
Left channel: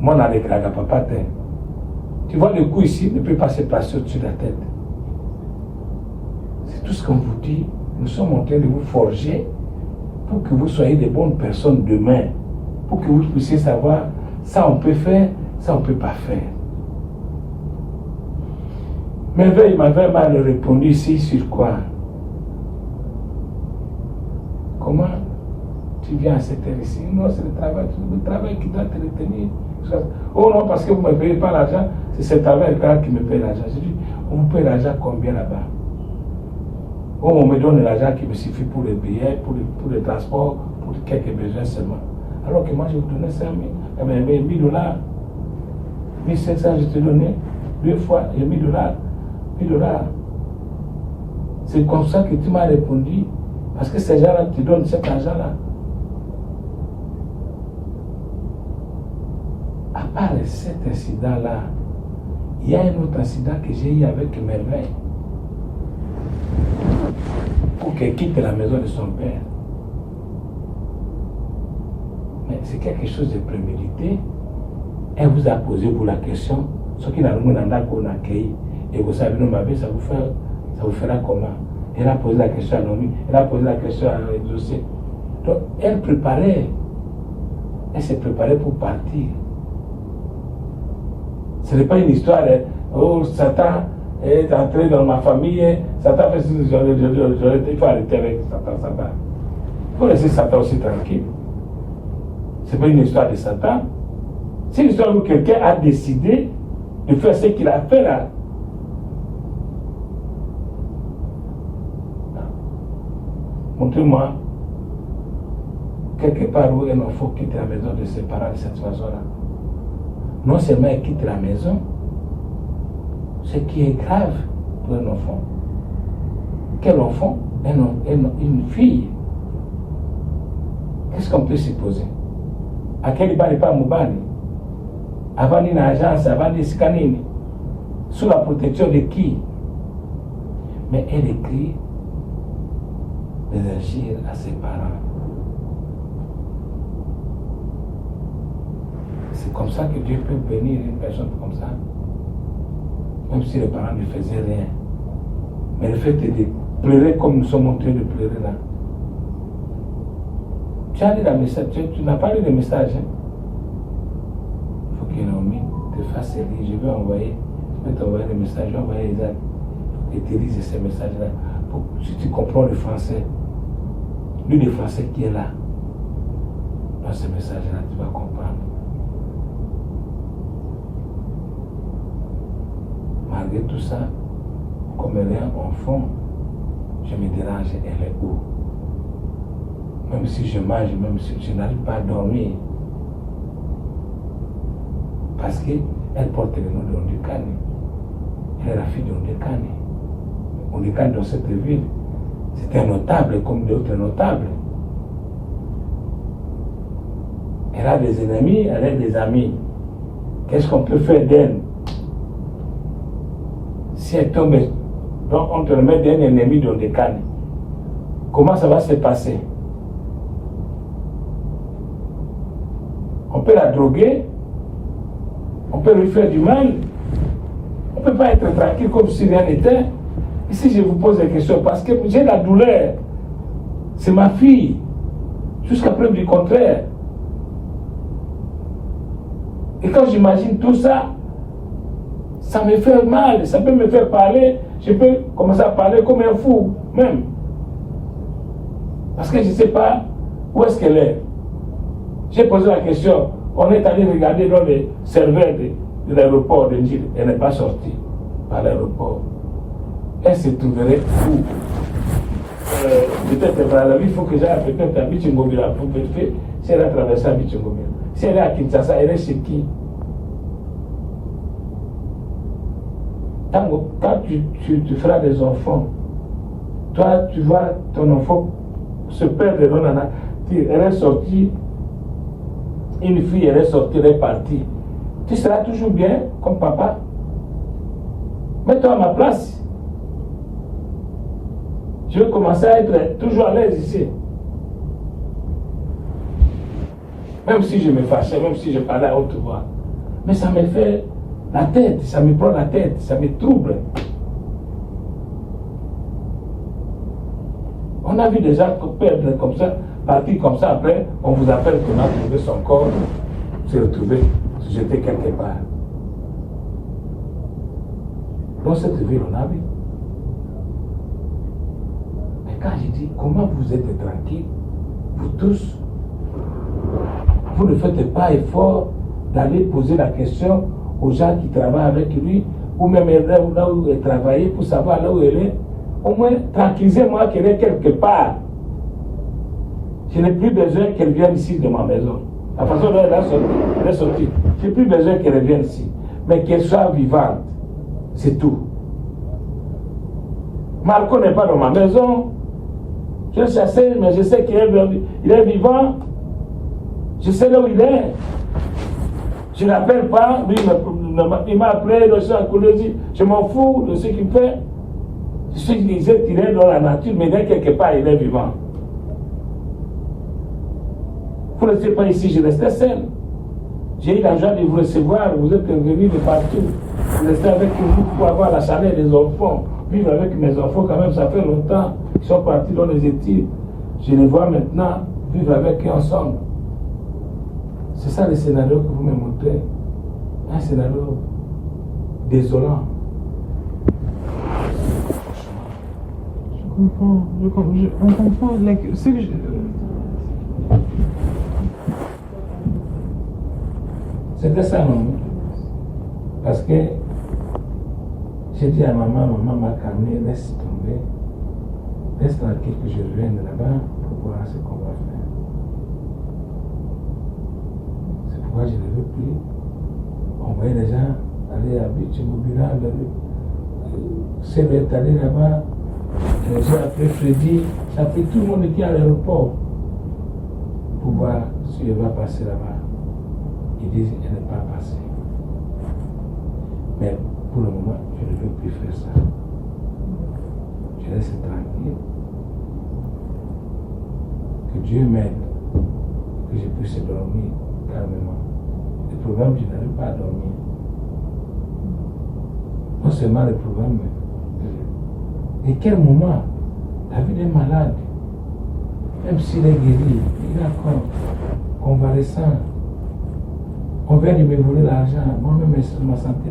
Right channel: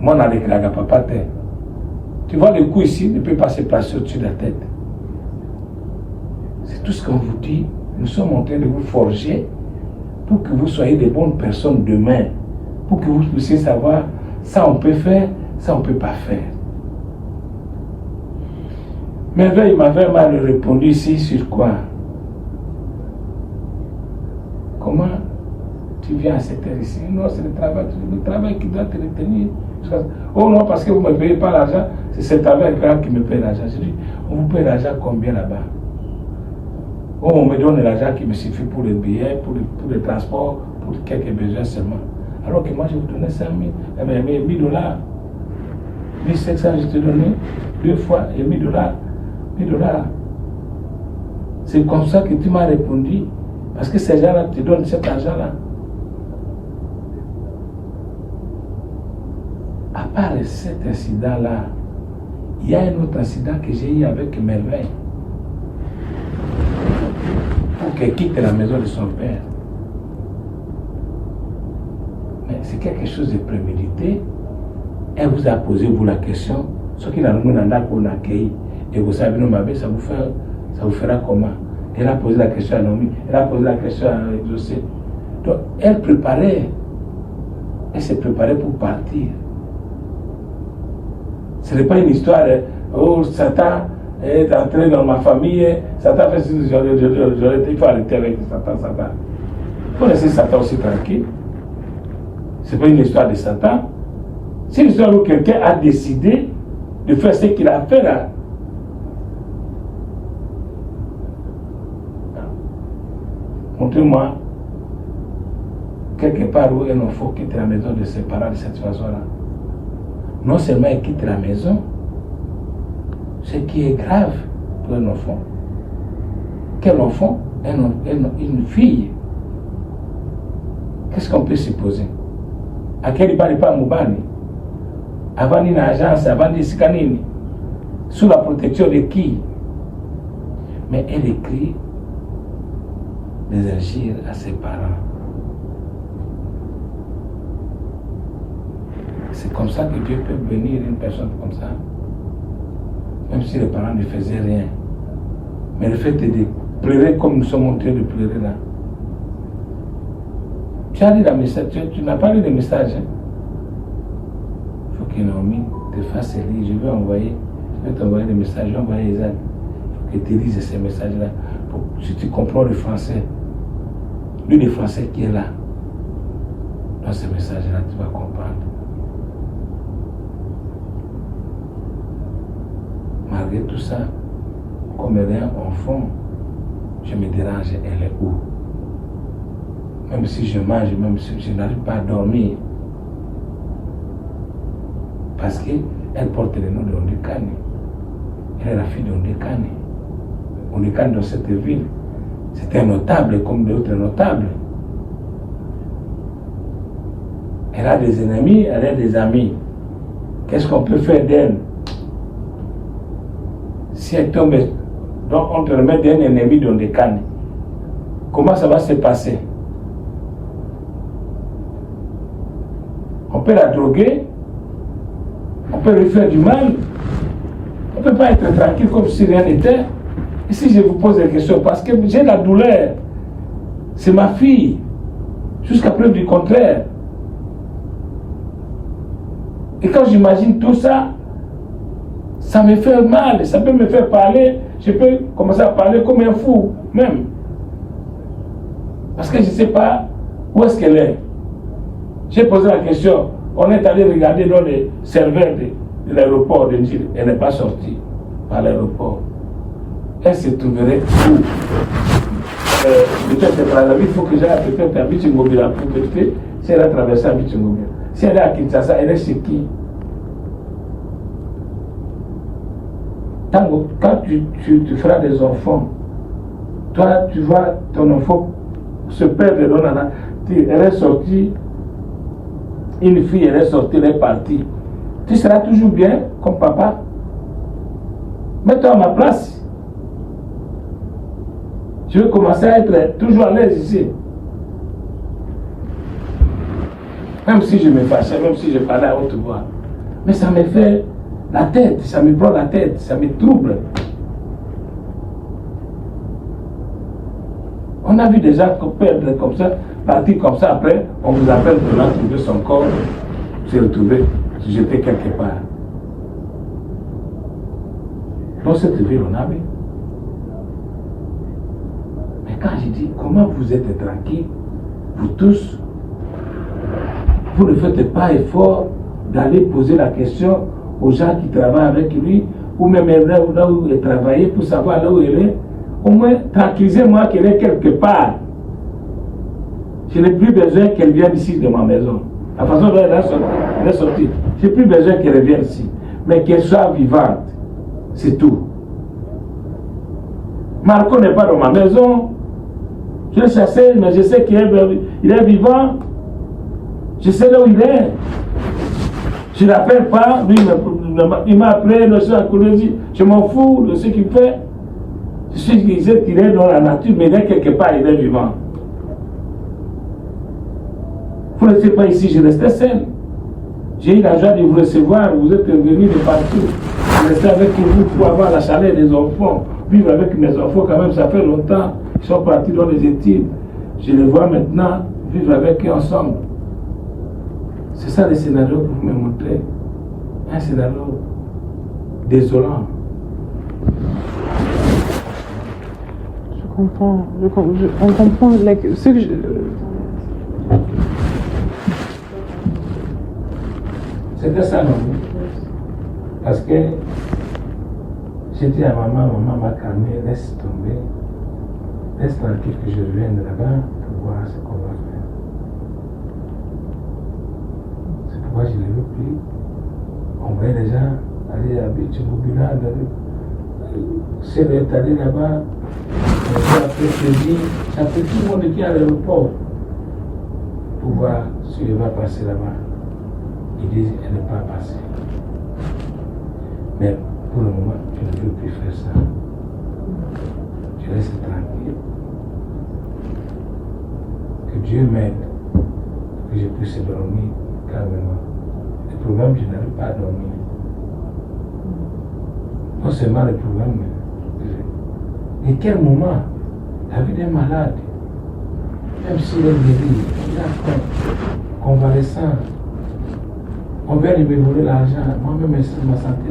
Moi, on a les papa terre. Tu vois le coup ici ne peut pas se passer au-dessus de la tête. C'est tout ce qu'on vous dit. Nous sommes en train de vous forger pour que vous soyez des bonnes personnes demain. Pour que vous puissiez savoir, ça on peut faire, ça on ne peut pas faire. Mais là, il m'avait mal répondu ici sur quoi? Comment tu viens à cette heure ici? Non, c'est le travail qui doit te retenir. Oh non, parce que vous ne me payez pas l'argent, c'est ce travail-là qui me paye l'argent. Je dis, on vous paye l'argent combien là-bas? Oh, on me donne l'argent qui me suffit pour les billets, pour le transport, pour quelques besoins seulement. Alors que moi, je vous donnais 5 000, eh bien, 1 000 $. 1 500, je te donnais 2 fois et 1 000 $. 1 000 $. C'est comme ça que tu m'as répondu. Parce que ces gens-là te donnent cet argent-là. À part cet incident-là, il y a un autre incident que j'ai eu avec Merveille. Pour qu'elle quitte la maison de son père. Mais c'est quelque chose de prémédité. Elle vous a posé vous la question, ce qu'il a nous a accueilli. Et vous savez, nous m'avez, ça vous fera comment? Elle a posé la question à Nomi, elle a posé la question à Exaucé. Donc, elle s'est préparée pour partir. Ce n'est pas une histoire, oh, Satan est entré dans ma famille, Satan fait ce que il faut arrêter avec Satan. Il faut laisser Satan aussi tranquille. Ce n'est pas une histoire de Satan. C'est une histoire où quelqu'un a décidé de faire ce qu'il a fait là. Montrez-moi quelque part où un enfant quitte la maison de ses parents de cette façon-là. Non seulement il quitte la maison, ce qui est grave pour un enfant. Quel enfant? Une fille. Qu'est-ce qu'on peut supposer? À quel il n'est pas Moubani? Avant une agence, avant des scanines. Sous la protection de qui? Mais elle écrit des injures à ses parents. C'est comme ça que Dieu peut bénir une personne comme ça. Même si les parents ne faisaient rien. Mais le fait de pleurer comme nous sommes en train de pleurer là. Tu as lu le message, tu n'as pas lu le message. Il faut que Naomi te fasse lire. Je vais t'envoyer le message, je vais envoyer Isaac. Il faut que tu lises ces messages-là. Si tu comprends le français, lui le français qui est là, dans ce message-là, tu vas comprendre. Malgré tout ça, comme elle est enfant, je me dérange, elle est où? Même si je mange, même si je n'arrive pas à dormir. Parce qu'elle porte le nom de Ondekane. Elle est la fille de Ondekane. Ondekane dans cette ville, c'est un notable comme d'autres notables. Elle a des ennemis, elle a des amis. Qu'est-ce qu'on peut faire d'elle? Si elle tombe, donc on te remet d'un ennemi d'Ondekane. Comment ça va se passer? On peut la droguer, on peut lui faire du mal, on ne peut pas être tranquille comme si rien n'était. Ici, je vous pose des questions parce que j'ai la douleur. C'est ma fille, jusqu'à preuve du contraire. Et quand j'imagine tout ça, ça me fait mal, ça peut me faire parler, je peux commencer à parler comme un fou, même. Parce que je ne sais pas où est-ce qu'elle est. J'ai posé la question, on est allé regarder dans les serveurs de l'aéroport de Gilles, elle n'est pas sortie par l'aéroport. Elle se trouverait où? Peut-être par la vie, il faut que j'aille peut-être à Bichingobila pour vérifier si elle a traversé à Bichingobila. Si elle est à Kinshasa, elle est chez qui? Quand tu feras des enfants, toi tu vois ton enfant se perdre dans la... Elle est sortie, une fille, elle est sortie, elle est partie. Tu seras toujours bien comme papa. Mets-toi à ma place. Je veux commencer à être toujours à l'aise ici. Même si je me fâchais, même si je parlais à haute voix. Mais ça me fait la tête, ça me prend la tête, ça me trouble. On a vu des gens perdre comme ça, partir comme ça, après, on vous appelle qu'on a trouvé son corps, s'est retrouvé, jeté quelque part. Dans cette ville, on a vu. Mais quand je dis, comment vous êtes tranquille, vous tous, vous ne faites pas effort d'aller poser la question aux gens qui travaillent avec lui, ou même là où elle travaille, pour savoir là où elle est. Au moins, tranquillisez-moi qu'elle est quelque part. Je n'ai plus besoin qu'elle vienne ici de ma maison. La façon dont elle est sortie, je n'ai plus besoin qu'elle revienne ici. Mais qu'elle soit vivante. C'est tout. Marco n'est pas dans ma maison. Je l'ai chassé, mais je sais qu'il est vivant. Je sais là où il est. Je ne l'appelle pas. Lui, il m'a appelé, le soir, je m'en fous de ce qu'il fait. Je sais qu'il est dans la nature, mais il est quelque part, il est vivant. Vous n'êtes pas ici, je restais seul. J'ai eu la joie de vous recevoir, vous êtes venus de partout. Je restais avec vous pour avoir la chaleur des enfants. Vivre avec mes enfants, quand même, ça fait longtemps. Ils sont partis dans les études. Je les vois maintenant vivre avec eux ensemble. C'est ça le scénario que vous me montrez. Un scénario désolant. Je comprends. On comprend ce que je... C'était ça, non? Parce que j'ai dit à maman m'a calmé, laisse tomber. Reste tranquille que je revienne là-bas pour voir ce qu'on va faire. C'est pourquoi je ne veux plus. On voyait les gens aller à Bichimobina, c'est allé là-bas. Après jeudi, ça fait tout le monde qui est à l'aéroport pour voir si elle va passer là-bas. Ils disent qu'elle n'est pas passée. Mais pour le moment, je ne veux plus faire ça. Je reste tranquille. Que Dieu m'aide, que je puisse dormir calmement. Le problème, je n'arrive pas à dormir. Non seulement le problème, mais et quel moment David est malade, même s'il est guéri, il est encore convalescent. On vient de me voler l'argent, moi-même ma santé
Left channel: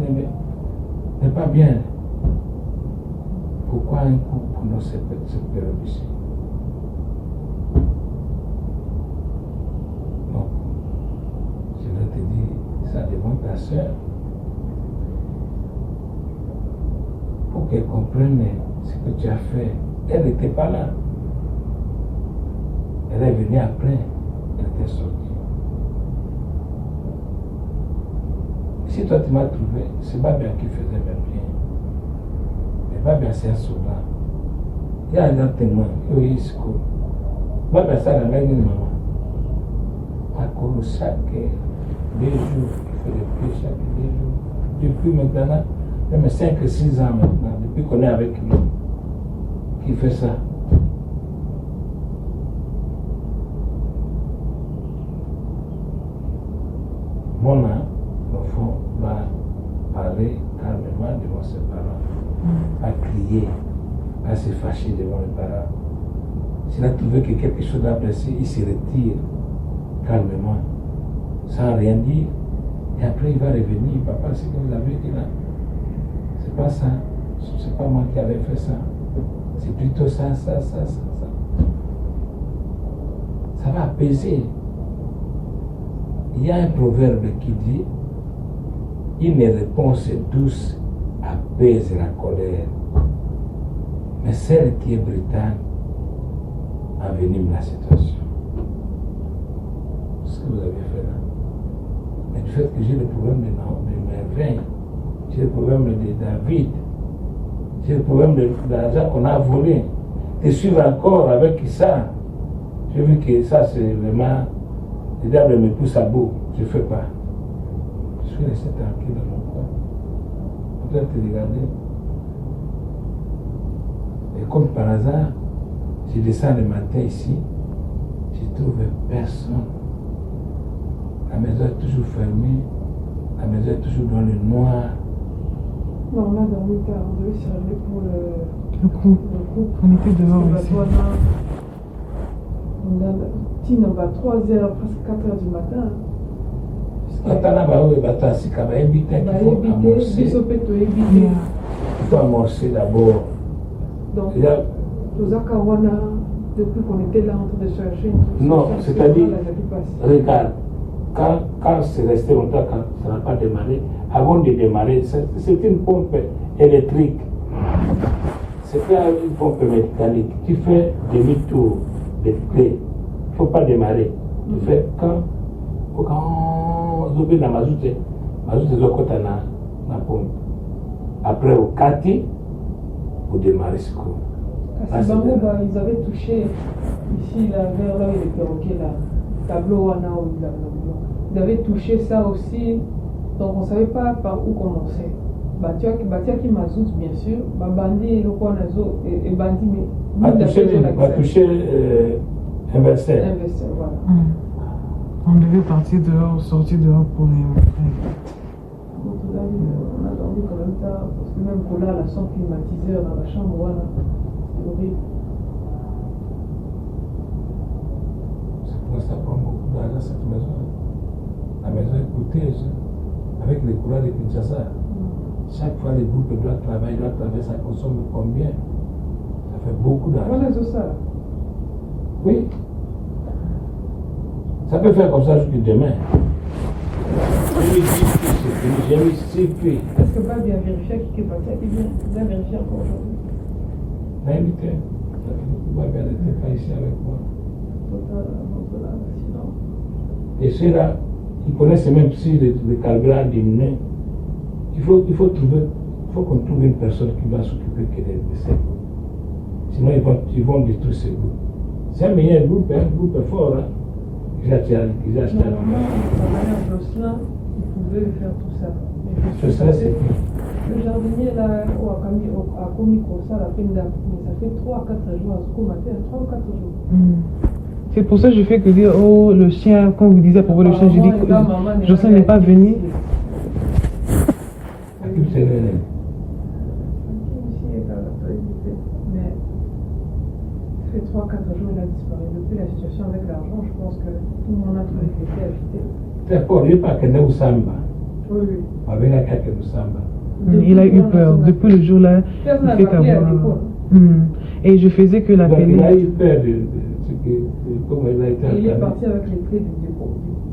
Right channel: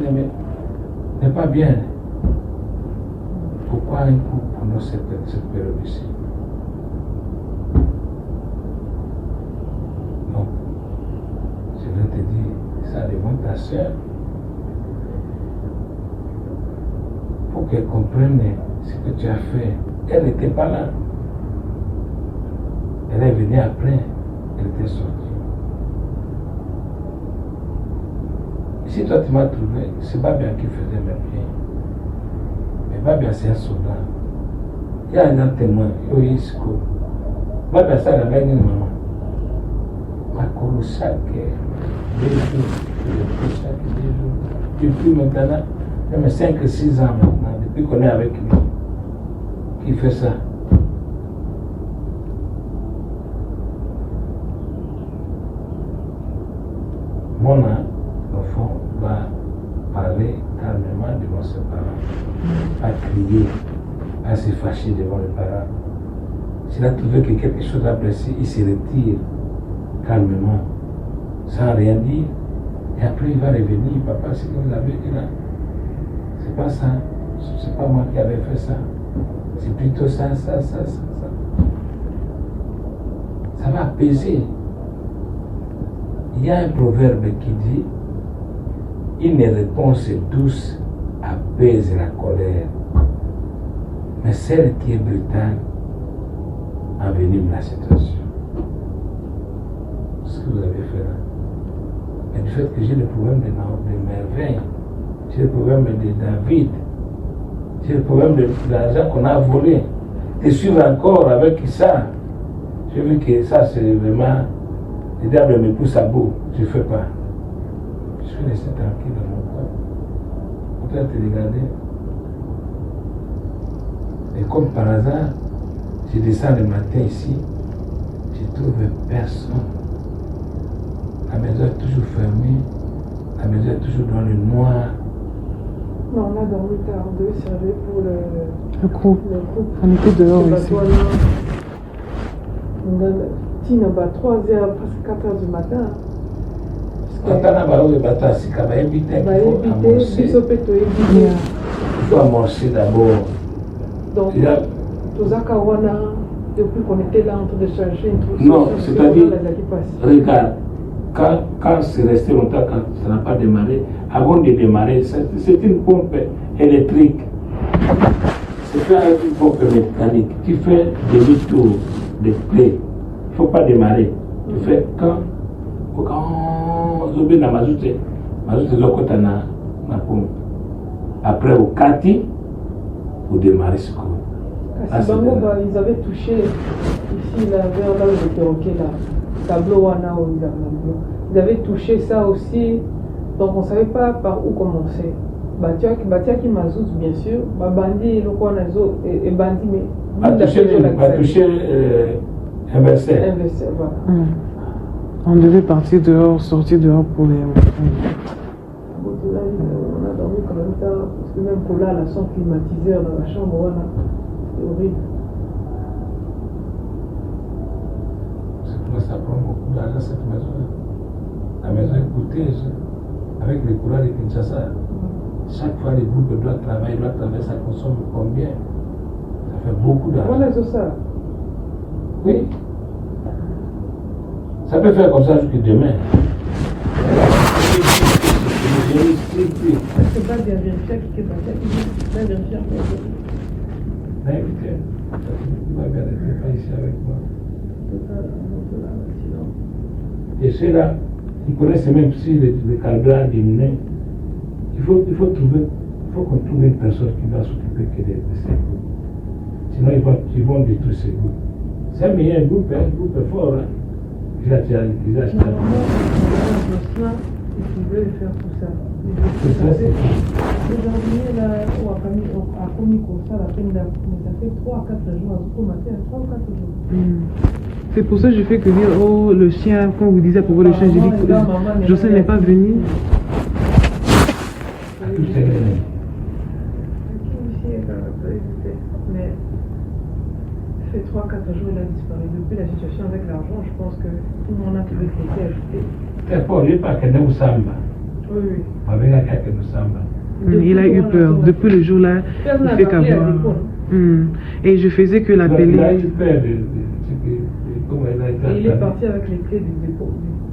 n'est pas bien. Pourquoi un coup pour nous cette période ici? Donc, je vais te dire ça devant ta soeur pour qu'elle comprenne ce que tu as fait. Elle n'était pas là. Elle est venue après, elle était sortie. Si toi tu m'as trouvé, c'est Babia qui faisait le bien. Mais Babia c'est un soldat. Il y a un témoin, il y a un discours. Babia ça la même maman. Ma cour chaque 2 jours, chaque 2 jours. Depuis maintenant, même 5 ou 6 ans maintenant, depuis qu'on est avec lui, qui fait ça. Mon enfant va parler calmement devant ses parents, à crier, à se fâcher devant les parents. S'il a trouvé que quelque chose d'apprécié, il se retire calmement, sans rien dire. Et après, il va revenir, papa, c'est que vous avez dit là. C'est pas ça. C'est pas moi qui avais fait ça. C'est plutôt ça. Ça va apaiser. Il y a un proverbe qui dit une réponse douce apaise la colère, mais celle qui est brutale envenime la situation. Ce que vous avez fait là. Mais du fait que j'ai le problème de merveille, j'ai le problème de David, j'ai le problème de l'argent qu'on a volé, de suivre encore avec ça. J'ai vu que ça c'est vraiment. Le diable me pousse à bout, je ne fais pas. Je suis resté tranquille dans mon coin. En train de te regarder. Et comme par hasard, je descends le matin ici, je trouve personne. La maison est toujours fermée, la maison est toujours dans le noir. Non, on a dormi tard, on devait se réveiller pour Le groupe. On était dehors ici. On a 3h, presque 4h du matin. Quand on a baoui, il faut amorcer d'abord. Donc, depuis qu'on était là en train de chercher une truc. Non, c'est-à-dire, regarde, quand c'est resté longtemps, quand ça n'a pas démarré, avant de démarrer, c'est une pompe électrique. C'est pas une pompe mécanique. Tu fais demi-tour de clé. Il ne faut pas démarrer. Tu fais quand zobi na mazoute zokota na pompe. Après au kati, vous démarrez ce coup. Ils avaient touché ici, là, vers là où le perroquet, là, tableau wana ou ils avaient touché ça aussi, donc on ne savait pas par où commencer. Batiaki mazout, bien sûr, bandi le coin et bandi, mais a touché inversé. Voilà. On devait partir dehors, sortir dehors pour les. On a dormi quand même tard, parce que même qu'on a la son climatiseur dans la chambre, voilà, c'est horrible. C'est pour ça prend beaucoup d'argent cette maison. La maison est coûteuse, avec les courants de Kinshasa. Chaque fois les groupes doivent travailler, ça consomme combien? Ça fait beaucoup d'argent. Voilà, c'est ça. Oui. Ça peut faire comme ça jusqu'à demain. C'est pas bien vérifié qui est passé, bien vérifié. Naïveté. Tu vas bien, n'était pas ici avec moi. Et ceux-là, ils connaissent même si le carburant a diminué. Il faut qu'on trouve une personne qui va s'occuper de ces bouts. Sinon, ils vont détruire ces bouts. C'est un meilleur groupe, un groupe fort. Hein. Ils achètent. Il pouvait faire tout ça. Tout ça, c'est quoi? Le jardinier là, à Komiko, ça, la peine ça fait 3 à 4 jours, à Zukumate, à 3 ou 4 jours. C'est pour ça que je fais que dire, oh, le chien, quand vous disiez à propos du chien, j'ai dit que Jocelyne n'est pas venue. Mais ça fait 3 à 4 jours, il a disparu. Depuis la situation avec l'argent, je pense que tout le monde a tout été ajouté. D'accord, il n'est pas que nous sommes. Oui, oui. Avec un cas que nous sommes. Il a eu peur. Depuis le jour-là, il fait qu'avoir. Et je faisais que l'appeler. Il a eu peur de comment il a été. Il est parti avec les clés du dépôt.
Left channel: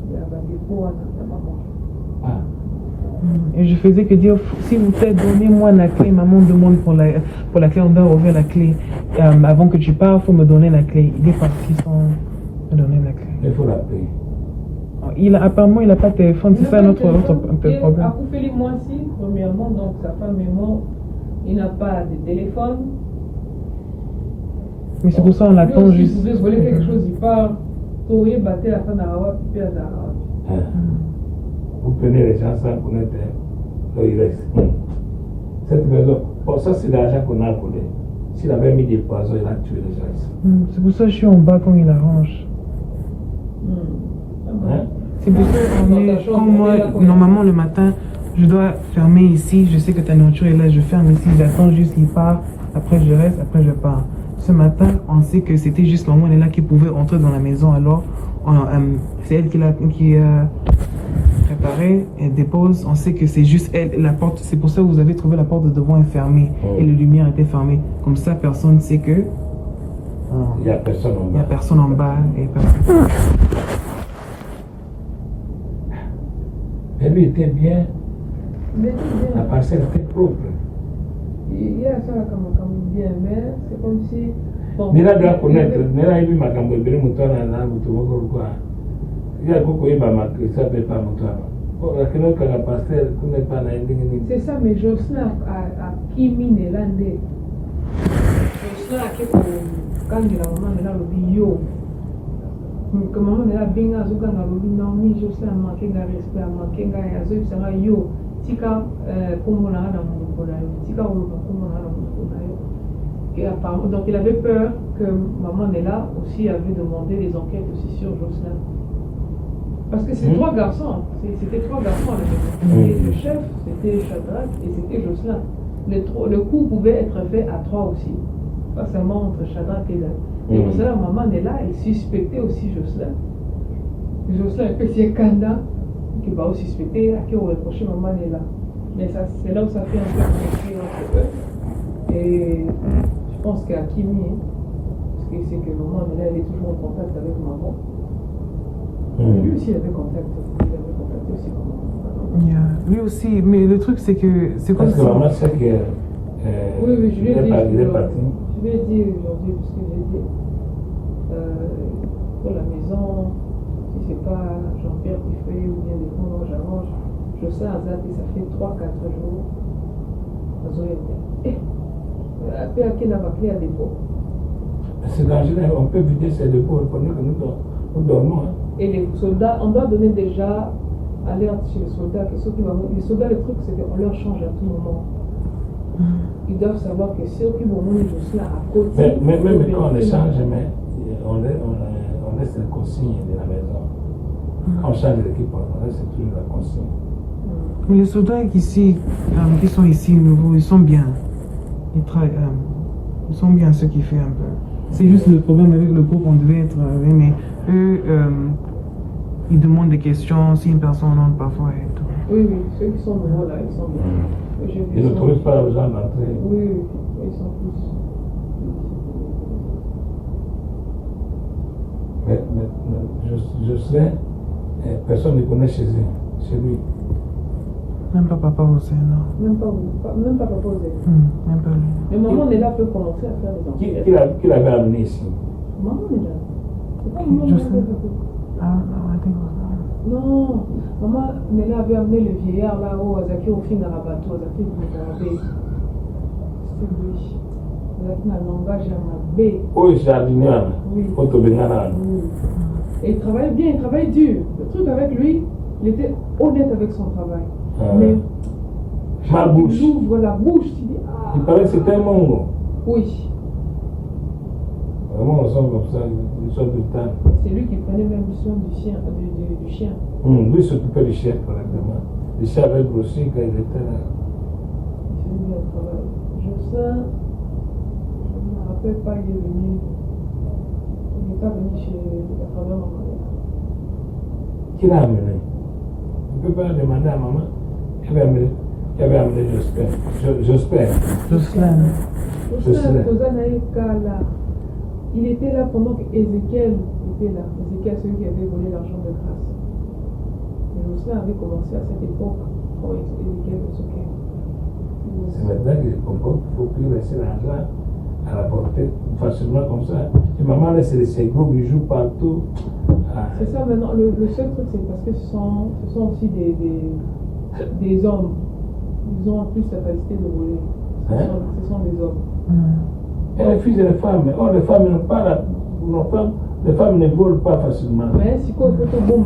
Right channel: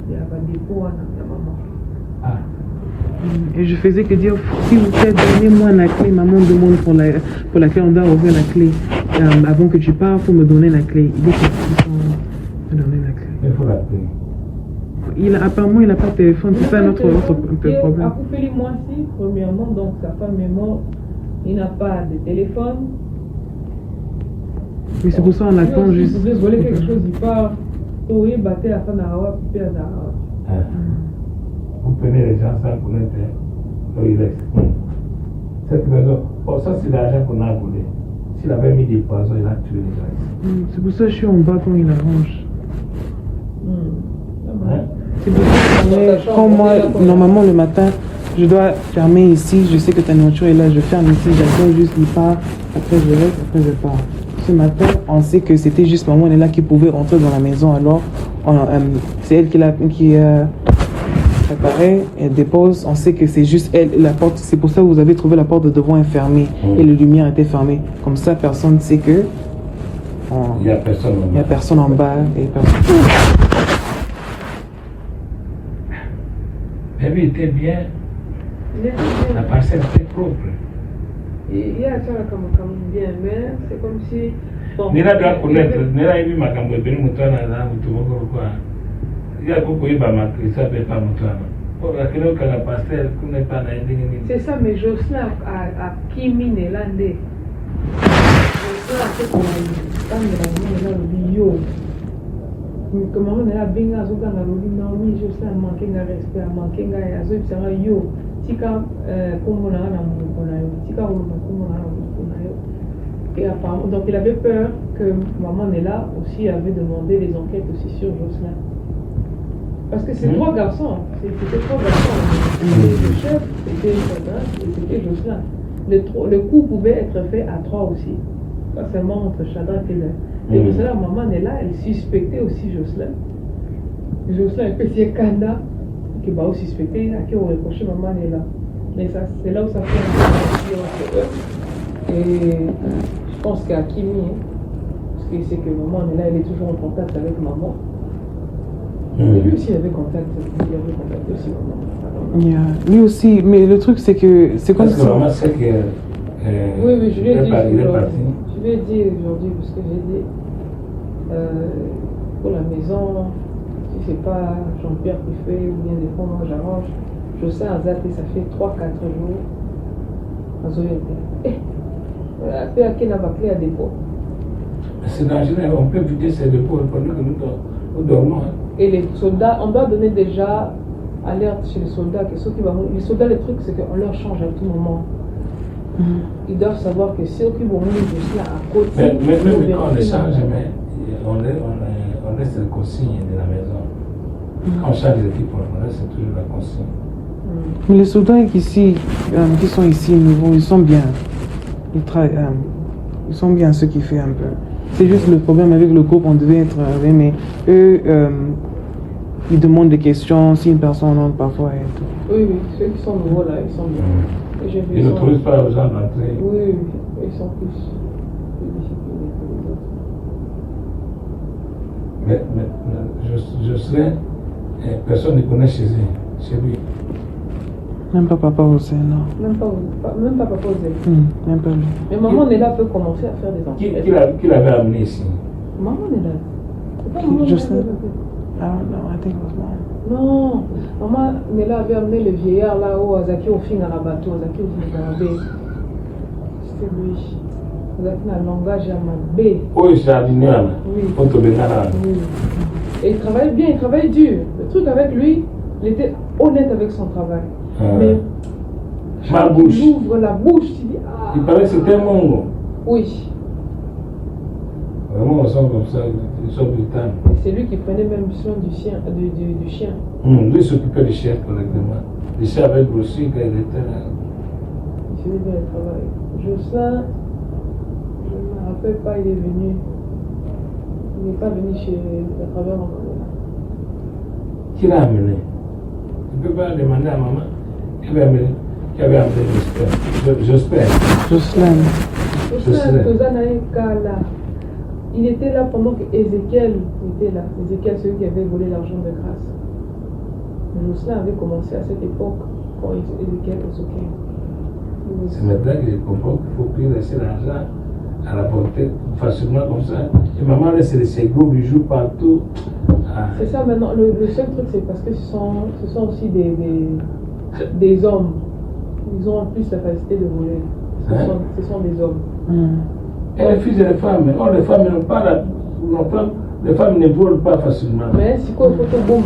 Il y a un dépôt à la maman. Ah. Et je faisais que dire, s'il vous plaît, donnez-moi la clé. Maman demande pour la clé, on doit ouvrir la clé. Avant que tu pars, il faut me donner la clé. Il est parti sans me donner la clé. Il faut l'appeler. Apparemment, il n'a pas de téléphone, c'est ça notre problème. À couper les mois-ci, premièrement, donc sa femme et moi, il n'a pas de téléphone. Mais c'est pour ça qu'on attend juste. Si vous voulez quelque chose, il part. Tori battait la fin d'Arawa, puis à Zarawa. Vous prenez les gens sans connaître là il reste. Cette raison, bon, ça c'est l'argent qu'on a volé. S'il avait mis des poisons, il a tué les gens. C'est pour ça que je suis en bas quand il arrange. C'est pour ça que quand moi, normalement le matin, je dois fermer ici, je sais que ta nourriture est là, je ferme ici, j'attends juste, il part, après je reste, après je pars. Ce matin, on sait que c'était juste maman, elle est là qui pouvait entrer dans la maison, alors c'est elle qui a préparé, elle dépose, on sait que c'est juste elle, la porte, c'est pour ça que vous avez trouvé la porte de devant est fermée et les lumières étaient fermées. Comme ça, personne ne sait que il n'y a personne en bas et personne. Bébé était bien, la parcelle était propre. Il y a ça comme bien, mais c'est comme si. Nira doit connaître, Nira est ma gambe, ben moutoana, moutoana, quoi. Il y a beaucoup de bama qui ne savent pas moutoana. Pour la question que la parcelle, qu'on n'est pas dans les. C'est ça, mais Jocelyn a Kimi Nélandais. Jocelyn a fait comme il a le yo. Comment on a bien à Zogan à l'objet, non, mais Jocelyn a manqué de respect, a manqué de respect, c'est un yo. Tika, comme on a un amour, Tika, comme on a un amour. Et apparemment, donc il avait peur que maman Nella aussi avait demandé les enquêtes aussi sur Jocelyn. Parce que c'est 3 garçons, c'était 3 garçons. Le chef, c'était Chadra et c'était Jocelyn. Le coup pouvait être fait à 3 aussi, pas seulement entre Chadra et Nella. Et pour cela, maman Nella, elle suspectait aussi Jocelyn. Jocelyn, et puis c'est Kanda qui va aussi suspecter, à qui on reprochait maman Nella. Mais ça, c'est là où ça fait un peu de et je pense qu'à Kimi, parce qu'il sait que maman Nella, elle est toujours en contact avec maman. Et lui aussi, il avait contact aussi maman. Lui aussi, mais le truc c'est que c'est comme ça. Parce que maman sait que. Oui, je lui ai dit aujourd'hui. Je lui ai dit aujourd'hui, parce que j'ai dit pour la maison, si c'est pas Jean-Pierre qui fait ou bien des fois moi j'arrange, je sais en Zate, ça fait 3-4 jours. Après, à qui n'a pas clé à dépôt. C'est dangereux, on peut vider ces dépôts pendant que nous dormons. Et les soldats, on doit donner déjà alerte chez les soldats que ceux qui vont. Les soldats, le truc, c'est qu'on leur change à tout moment. Ils doivent savoir que ceux qui vont venir juste là à côté. Mais même quand on les change, on laisse la consigne de la maison. Quand on change l'équipe, on laisse toujours la consigne. Mais les soldats qui sont ici nouveaux, ils sont bien. Ils sont bien ceux qui font un peu. C'est juste le problème avec le groupe, on devait être. Mais eux, ils demandent des questions, si une personne entre parfois et tout. Oui, ceux qui sont nouveaux là, ils sont bien. Ils n'autorisent pas aux gens d'entrer. Oui, ils sont plus. Mais je sais, personne ne connaît chez lui. Même pas papa aussi, non. Même pas papa osé. Même pas lui. Mais maman Nella peut commencer à faire des enfants. Qui l'avait amené ici? Maman Nella. C'est pas maman Je Nella. sais. I don't know, I think it was mom. Non, maman Nella avait amené les vieillards là-haut, Azaki au fin à la bateau, Azaki au fin à la baie. C'était lui. Azaki dans le langage à ma baie. Oui, c'est à l'union. Oui. Oui. Et il travaillait bien, il travaillait dur. Le truc avec lui, il était honnête avec son travail. Mais ma bouche. Il ouvre la bouche, tu dis ah. Il paraît que c'était un mongo. Oui. Vraiment, on sent comme ça, ils sont brutales. C'est lui qui prenait même soin du chien. Lui s'occupait du chien correctement. Le chien avait grossi quand il était là. Il faisait bien le travail. Jocelyn, je ne me rappelle pas, il est venu. Il n'est pas venu chez à travers mon frère. Qui l'a amené? Tu peux pas demander à maman qui avait amené Jocelyn. Jocelyn, il était là pendant que Ézéchiel était là. Ézéchiel, celui qui avait volé l'argent de grâce. Jocelyn avait commencé à cette époque quand Ézéchiel est sauté. C'est maintenant que je comprends qu'il faut plus laisser l'argent à la portée facilement comme ça. Et maman laisse ses gros bijoux partout. Ah. C'est ça maintenant. Le seul truc, c'est parce que ce sont aussi des hommes. Ils ont plus la capacité de voler. Ce sont des hommes. Et les filles et les femmes, les femmes n'ont pas les femmes ne volent pas facilement. Mais c'est quoi, il faut que bon,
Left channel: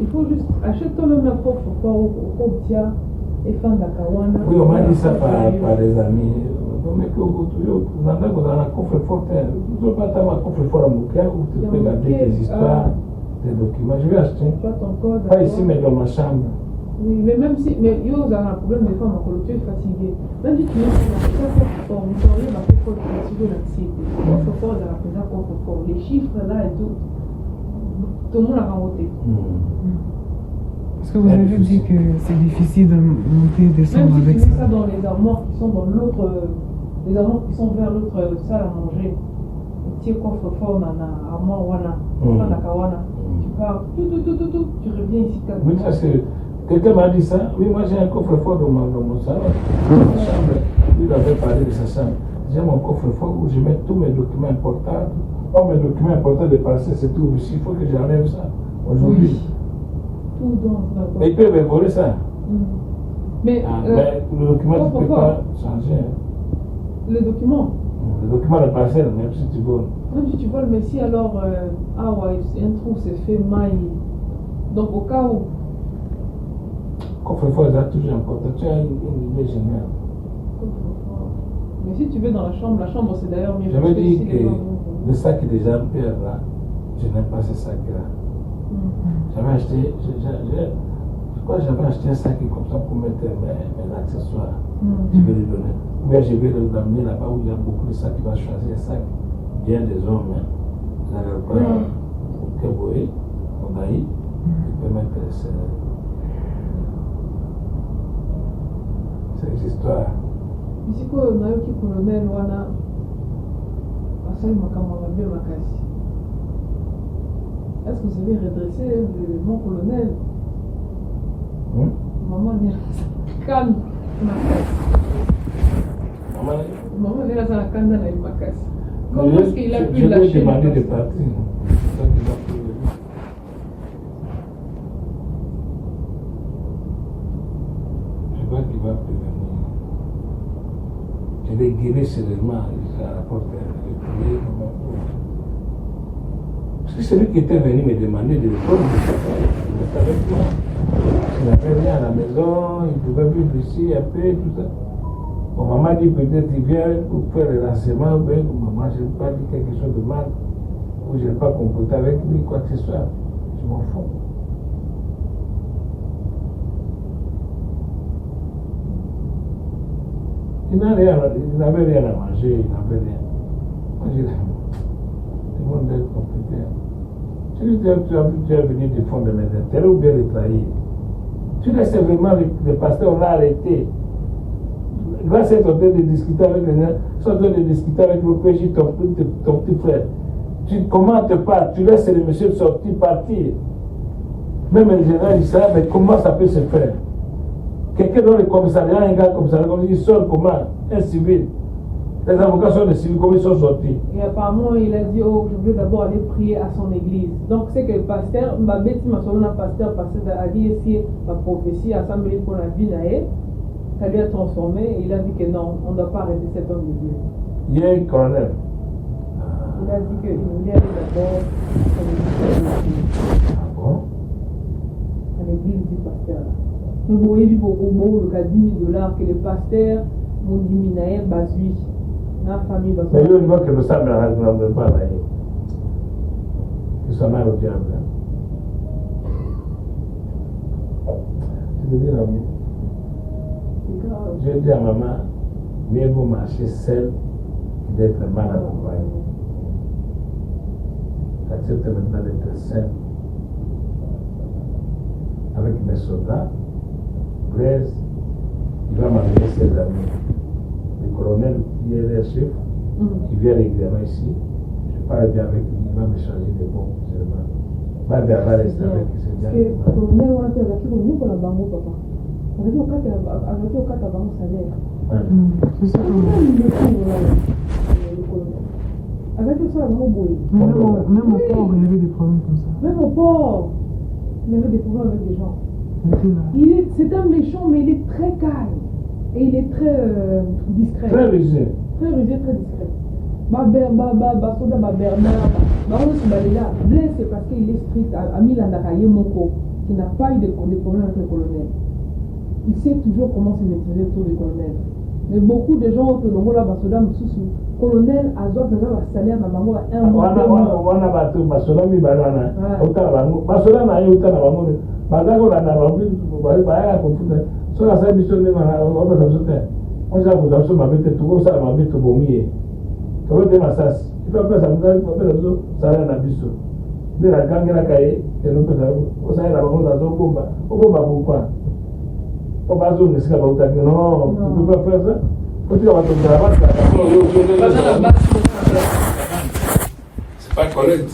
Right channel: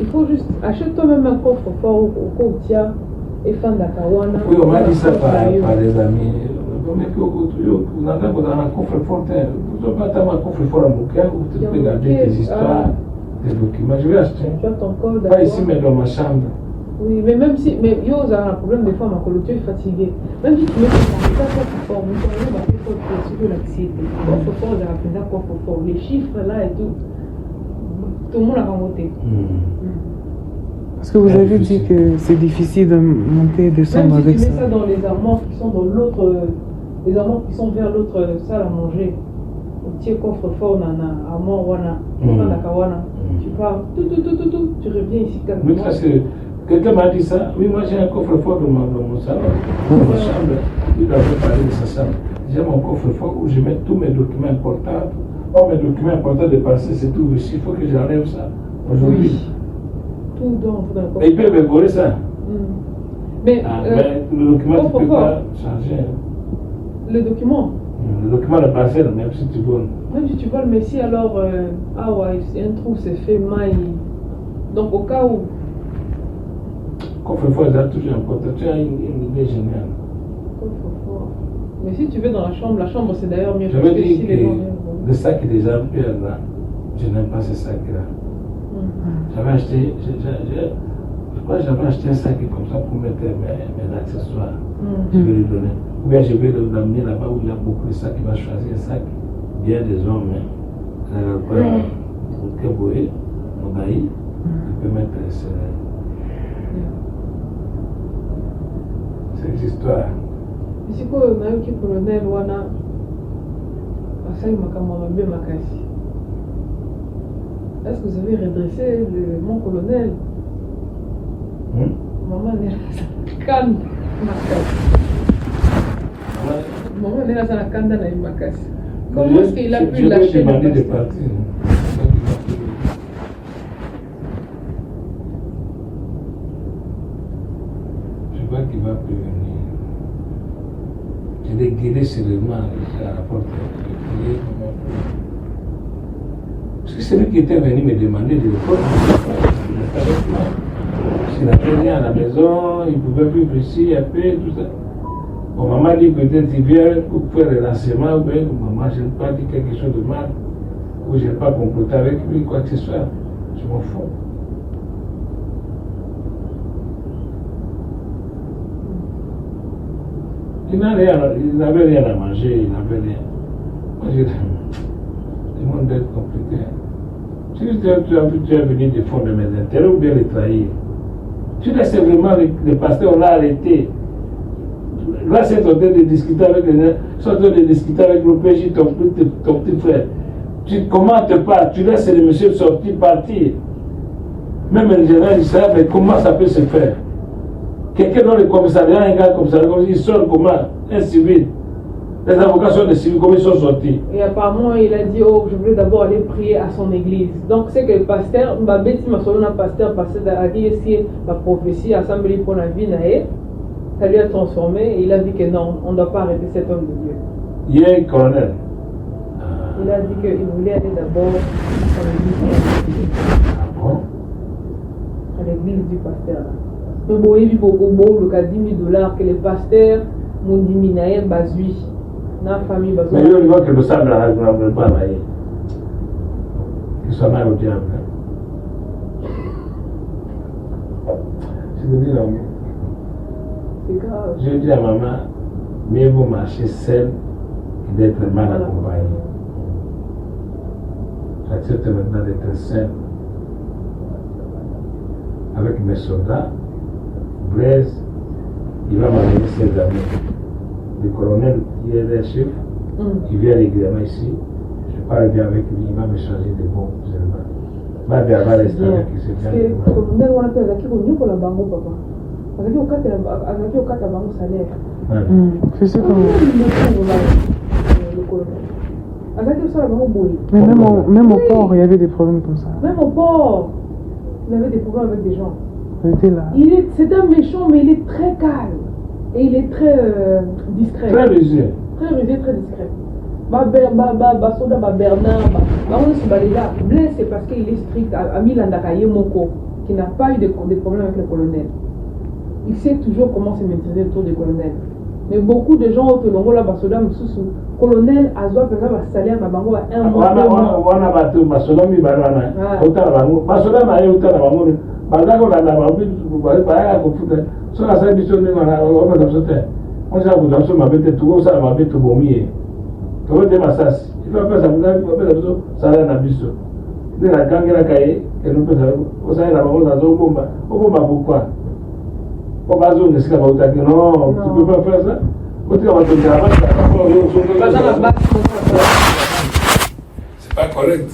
il faut juste acheter toi-même un coffre fort au Koutia et fan d'Akawana. Oui, on m'a dit ça par des amis. Mais que vous n'avez pas un coffre fort. Vous n'avez pas un coffre fort à Mouké où tu peux garder des histoires, des documents. Je vais acheter. Tu as ton code. Pas ici, mais dans ma chambre. Oui, mais même si. Mais yo, vous avez un problème des fois, ma colo, tu es fatigué. Même si tu mets ça fort, vous savez, ma colo, tu es l'anxiété. Coffre fort, j'ai appris ça, coffre fort. Les chiffres là et tout. Tout le monde a remonté. Parce que vous avez dit que c'est difficile de monter et descendre avec ça. ça. Même si tu mets ça dans les armoires qui sont dans l'autre. Les armoires qui sont vers l'autre salle à manger. Tu es coffre fort, nana, armoire, wana, wana. Tu pars, tout. Tu reviens ici calmement. Quelqu'un m'a dit ça. Oui, moi j'ai un coffre fort dans mon salon, dans ma chambre. Il avait parlé de sa chambre. J'ai mon coffre fort où je mets tous mes documents importants. Oh, mes documents importants de passé, c'est tout ici. Il faut que j'enlève ça aujourd'hui. Tout dans le coffre. Il peut me voler ça. Mais le document, tu ne peux pas changer. Le document Le document de passé, même si tu voles. Même si tu voles, mais si alors, un trou s'est fait maille. Donc au cas où. Coffre-fort, c'est toujours important. Tu as une idée géniale. Coffre-fort. Mais si tu veux dans la chambre c'est d'ailleurs mieux. Je veux dire que le sac des ampères là, je n'aime pas ce sac-là. J'avais acheté, je crois que j'avais acheté un sac comme ça pour mettre mes accessoires. Je vais lui donner. Ou bien je vais l'amener là-bas où il y a beaucoup de sacs. Il va choisir un sac bien des hommes. Keboé, Mogaï, il peut mettre cette histoire. Si quoi, on a un petit colonel, wana, Asai Makamarabe Makasi. Est-ce que vous avez redressé mon colonel? Maman est là, calme, Makasi. Maman est là, ça calme dans la Makasi. Comment est-ce qu'il a pu lâcher le de partir. Je crois qu'il va prévenir. Je l'ai guéri sérieusement à la porte. Parce que c'est lui qui était venu me demander de répondre. S'il n'avait rien à la maison, il pouvait vivre ici un peu, tout ça. Bon, maman dit peut-être qu'il vient pour faire les renseignements, mais maman, je n'ai pas dit quelque chose de mal, ou je n'ai pas comploté avec lui, quoi que ce soit. Je m'en fous. Il n'avait rien à manger, il n'avait rien. Moi, je dis, le monde est compliqué. Si tu es venu défendre mes intérêts ou bien les trahir, tu laisses vraiment le pasteur, on l'a arrêté. Là, c'est en train de discuter avec les gens, ils sont en train de discuter avec l'OPJ, ton petit frère. Tu commentes pas, tu laisses le monsieur sortir, partir. Même les gens disent ça, mais comment ça peut se faire? quelqu'un dans le commissariat, un gars commissariat, il sort comment? Un civil. Les avocats sont des civils, comment ils sont sortis? Et apparemment, il a dit, oh, je voulais d'abord aller prier à son église. Donc, c'est que le pasteur, ma bête, ma soeur, pasteur a dit, si ma prophétie assemblée pour la vie, ça lui a transformé. Et il a dit que non, on ne doit pas arrêter cet homme de Dieu. Il y a un colonel. Il a dit qu'il voulait aller d'abord Ah bon? à l'église du pasteur. Mais bon, il y a eu beaucoup le cas $10,000 que le pasteur m'ont dit, Minaïr Bazui. La famille Bazui. Mais il voit que le sable n'a pas maillé. Que ça m'aille au diable. Je te dis, C'est grave. je dis à maman, mieux vaut marcher seul que d'être mal accompagné. J'accepte maintenant d'être seul avec mes soldats. Blaise, il va m'amener ses amis. Le colonel qui est le chef, il vient régulièrement ici. Je parle bien avec lui, il va me changer de bons musulmans. Ma verbale est avec qui c'est bien. Le colonel, on a fait avec lui pour la banque, papa. Avec lui, on a un salaire. C'est sûr que... Le colonel. Avec lui, ça, la banque, Mais même au port, il y avait des problèmes comme ça. même au port, il avait des problèmes avec des gens. Il était là. C'est un méchant, mais il est très calme. Et il est très discret. Très rusé. Très rusé, très discret. Soda, Bernard, on se balait là. Blaise, c'est parce qu'il est strict. Ami Landakaye Moko, qui n'a pas eu de problème avec le colonel. Il sait toujours comment se maîtriser autour du colonel. Mais beaucoup de gens au Longo là, Basoda, Moussou, colonel, Azoa, Pena, salaire, Mabango, à un mois. Wana batu, Basoda, Mibarana. Autant la banque. Basoda, Maï, autant la banque. Malgré la banque, vous voyez, pas à confondre. Sur la salle, on va dans ce temps. On s'est dit, on m'a bête tout, on s'est dit, tout bon, comment tu m'as ça? Il faut faire ça, vous avez fait ça, ça a un abisso. De la gangue, la cahier, et nous peut savoir, on s'est dit, la banque, dans un bomba. Au bomba, pourquoi? Au bas, on est ce qu'on va vous dire, non, tu ne peux pas faire ça. On dit, on va te dire, c'est pas correct.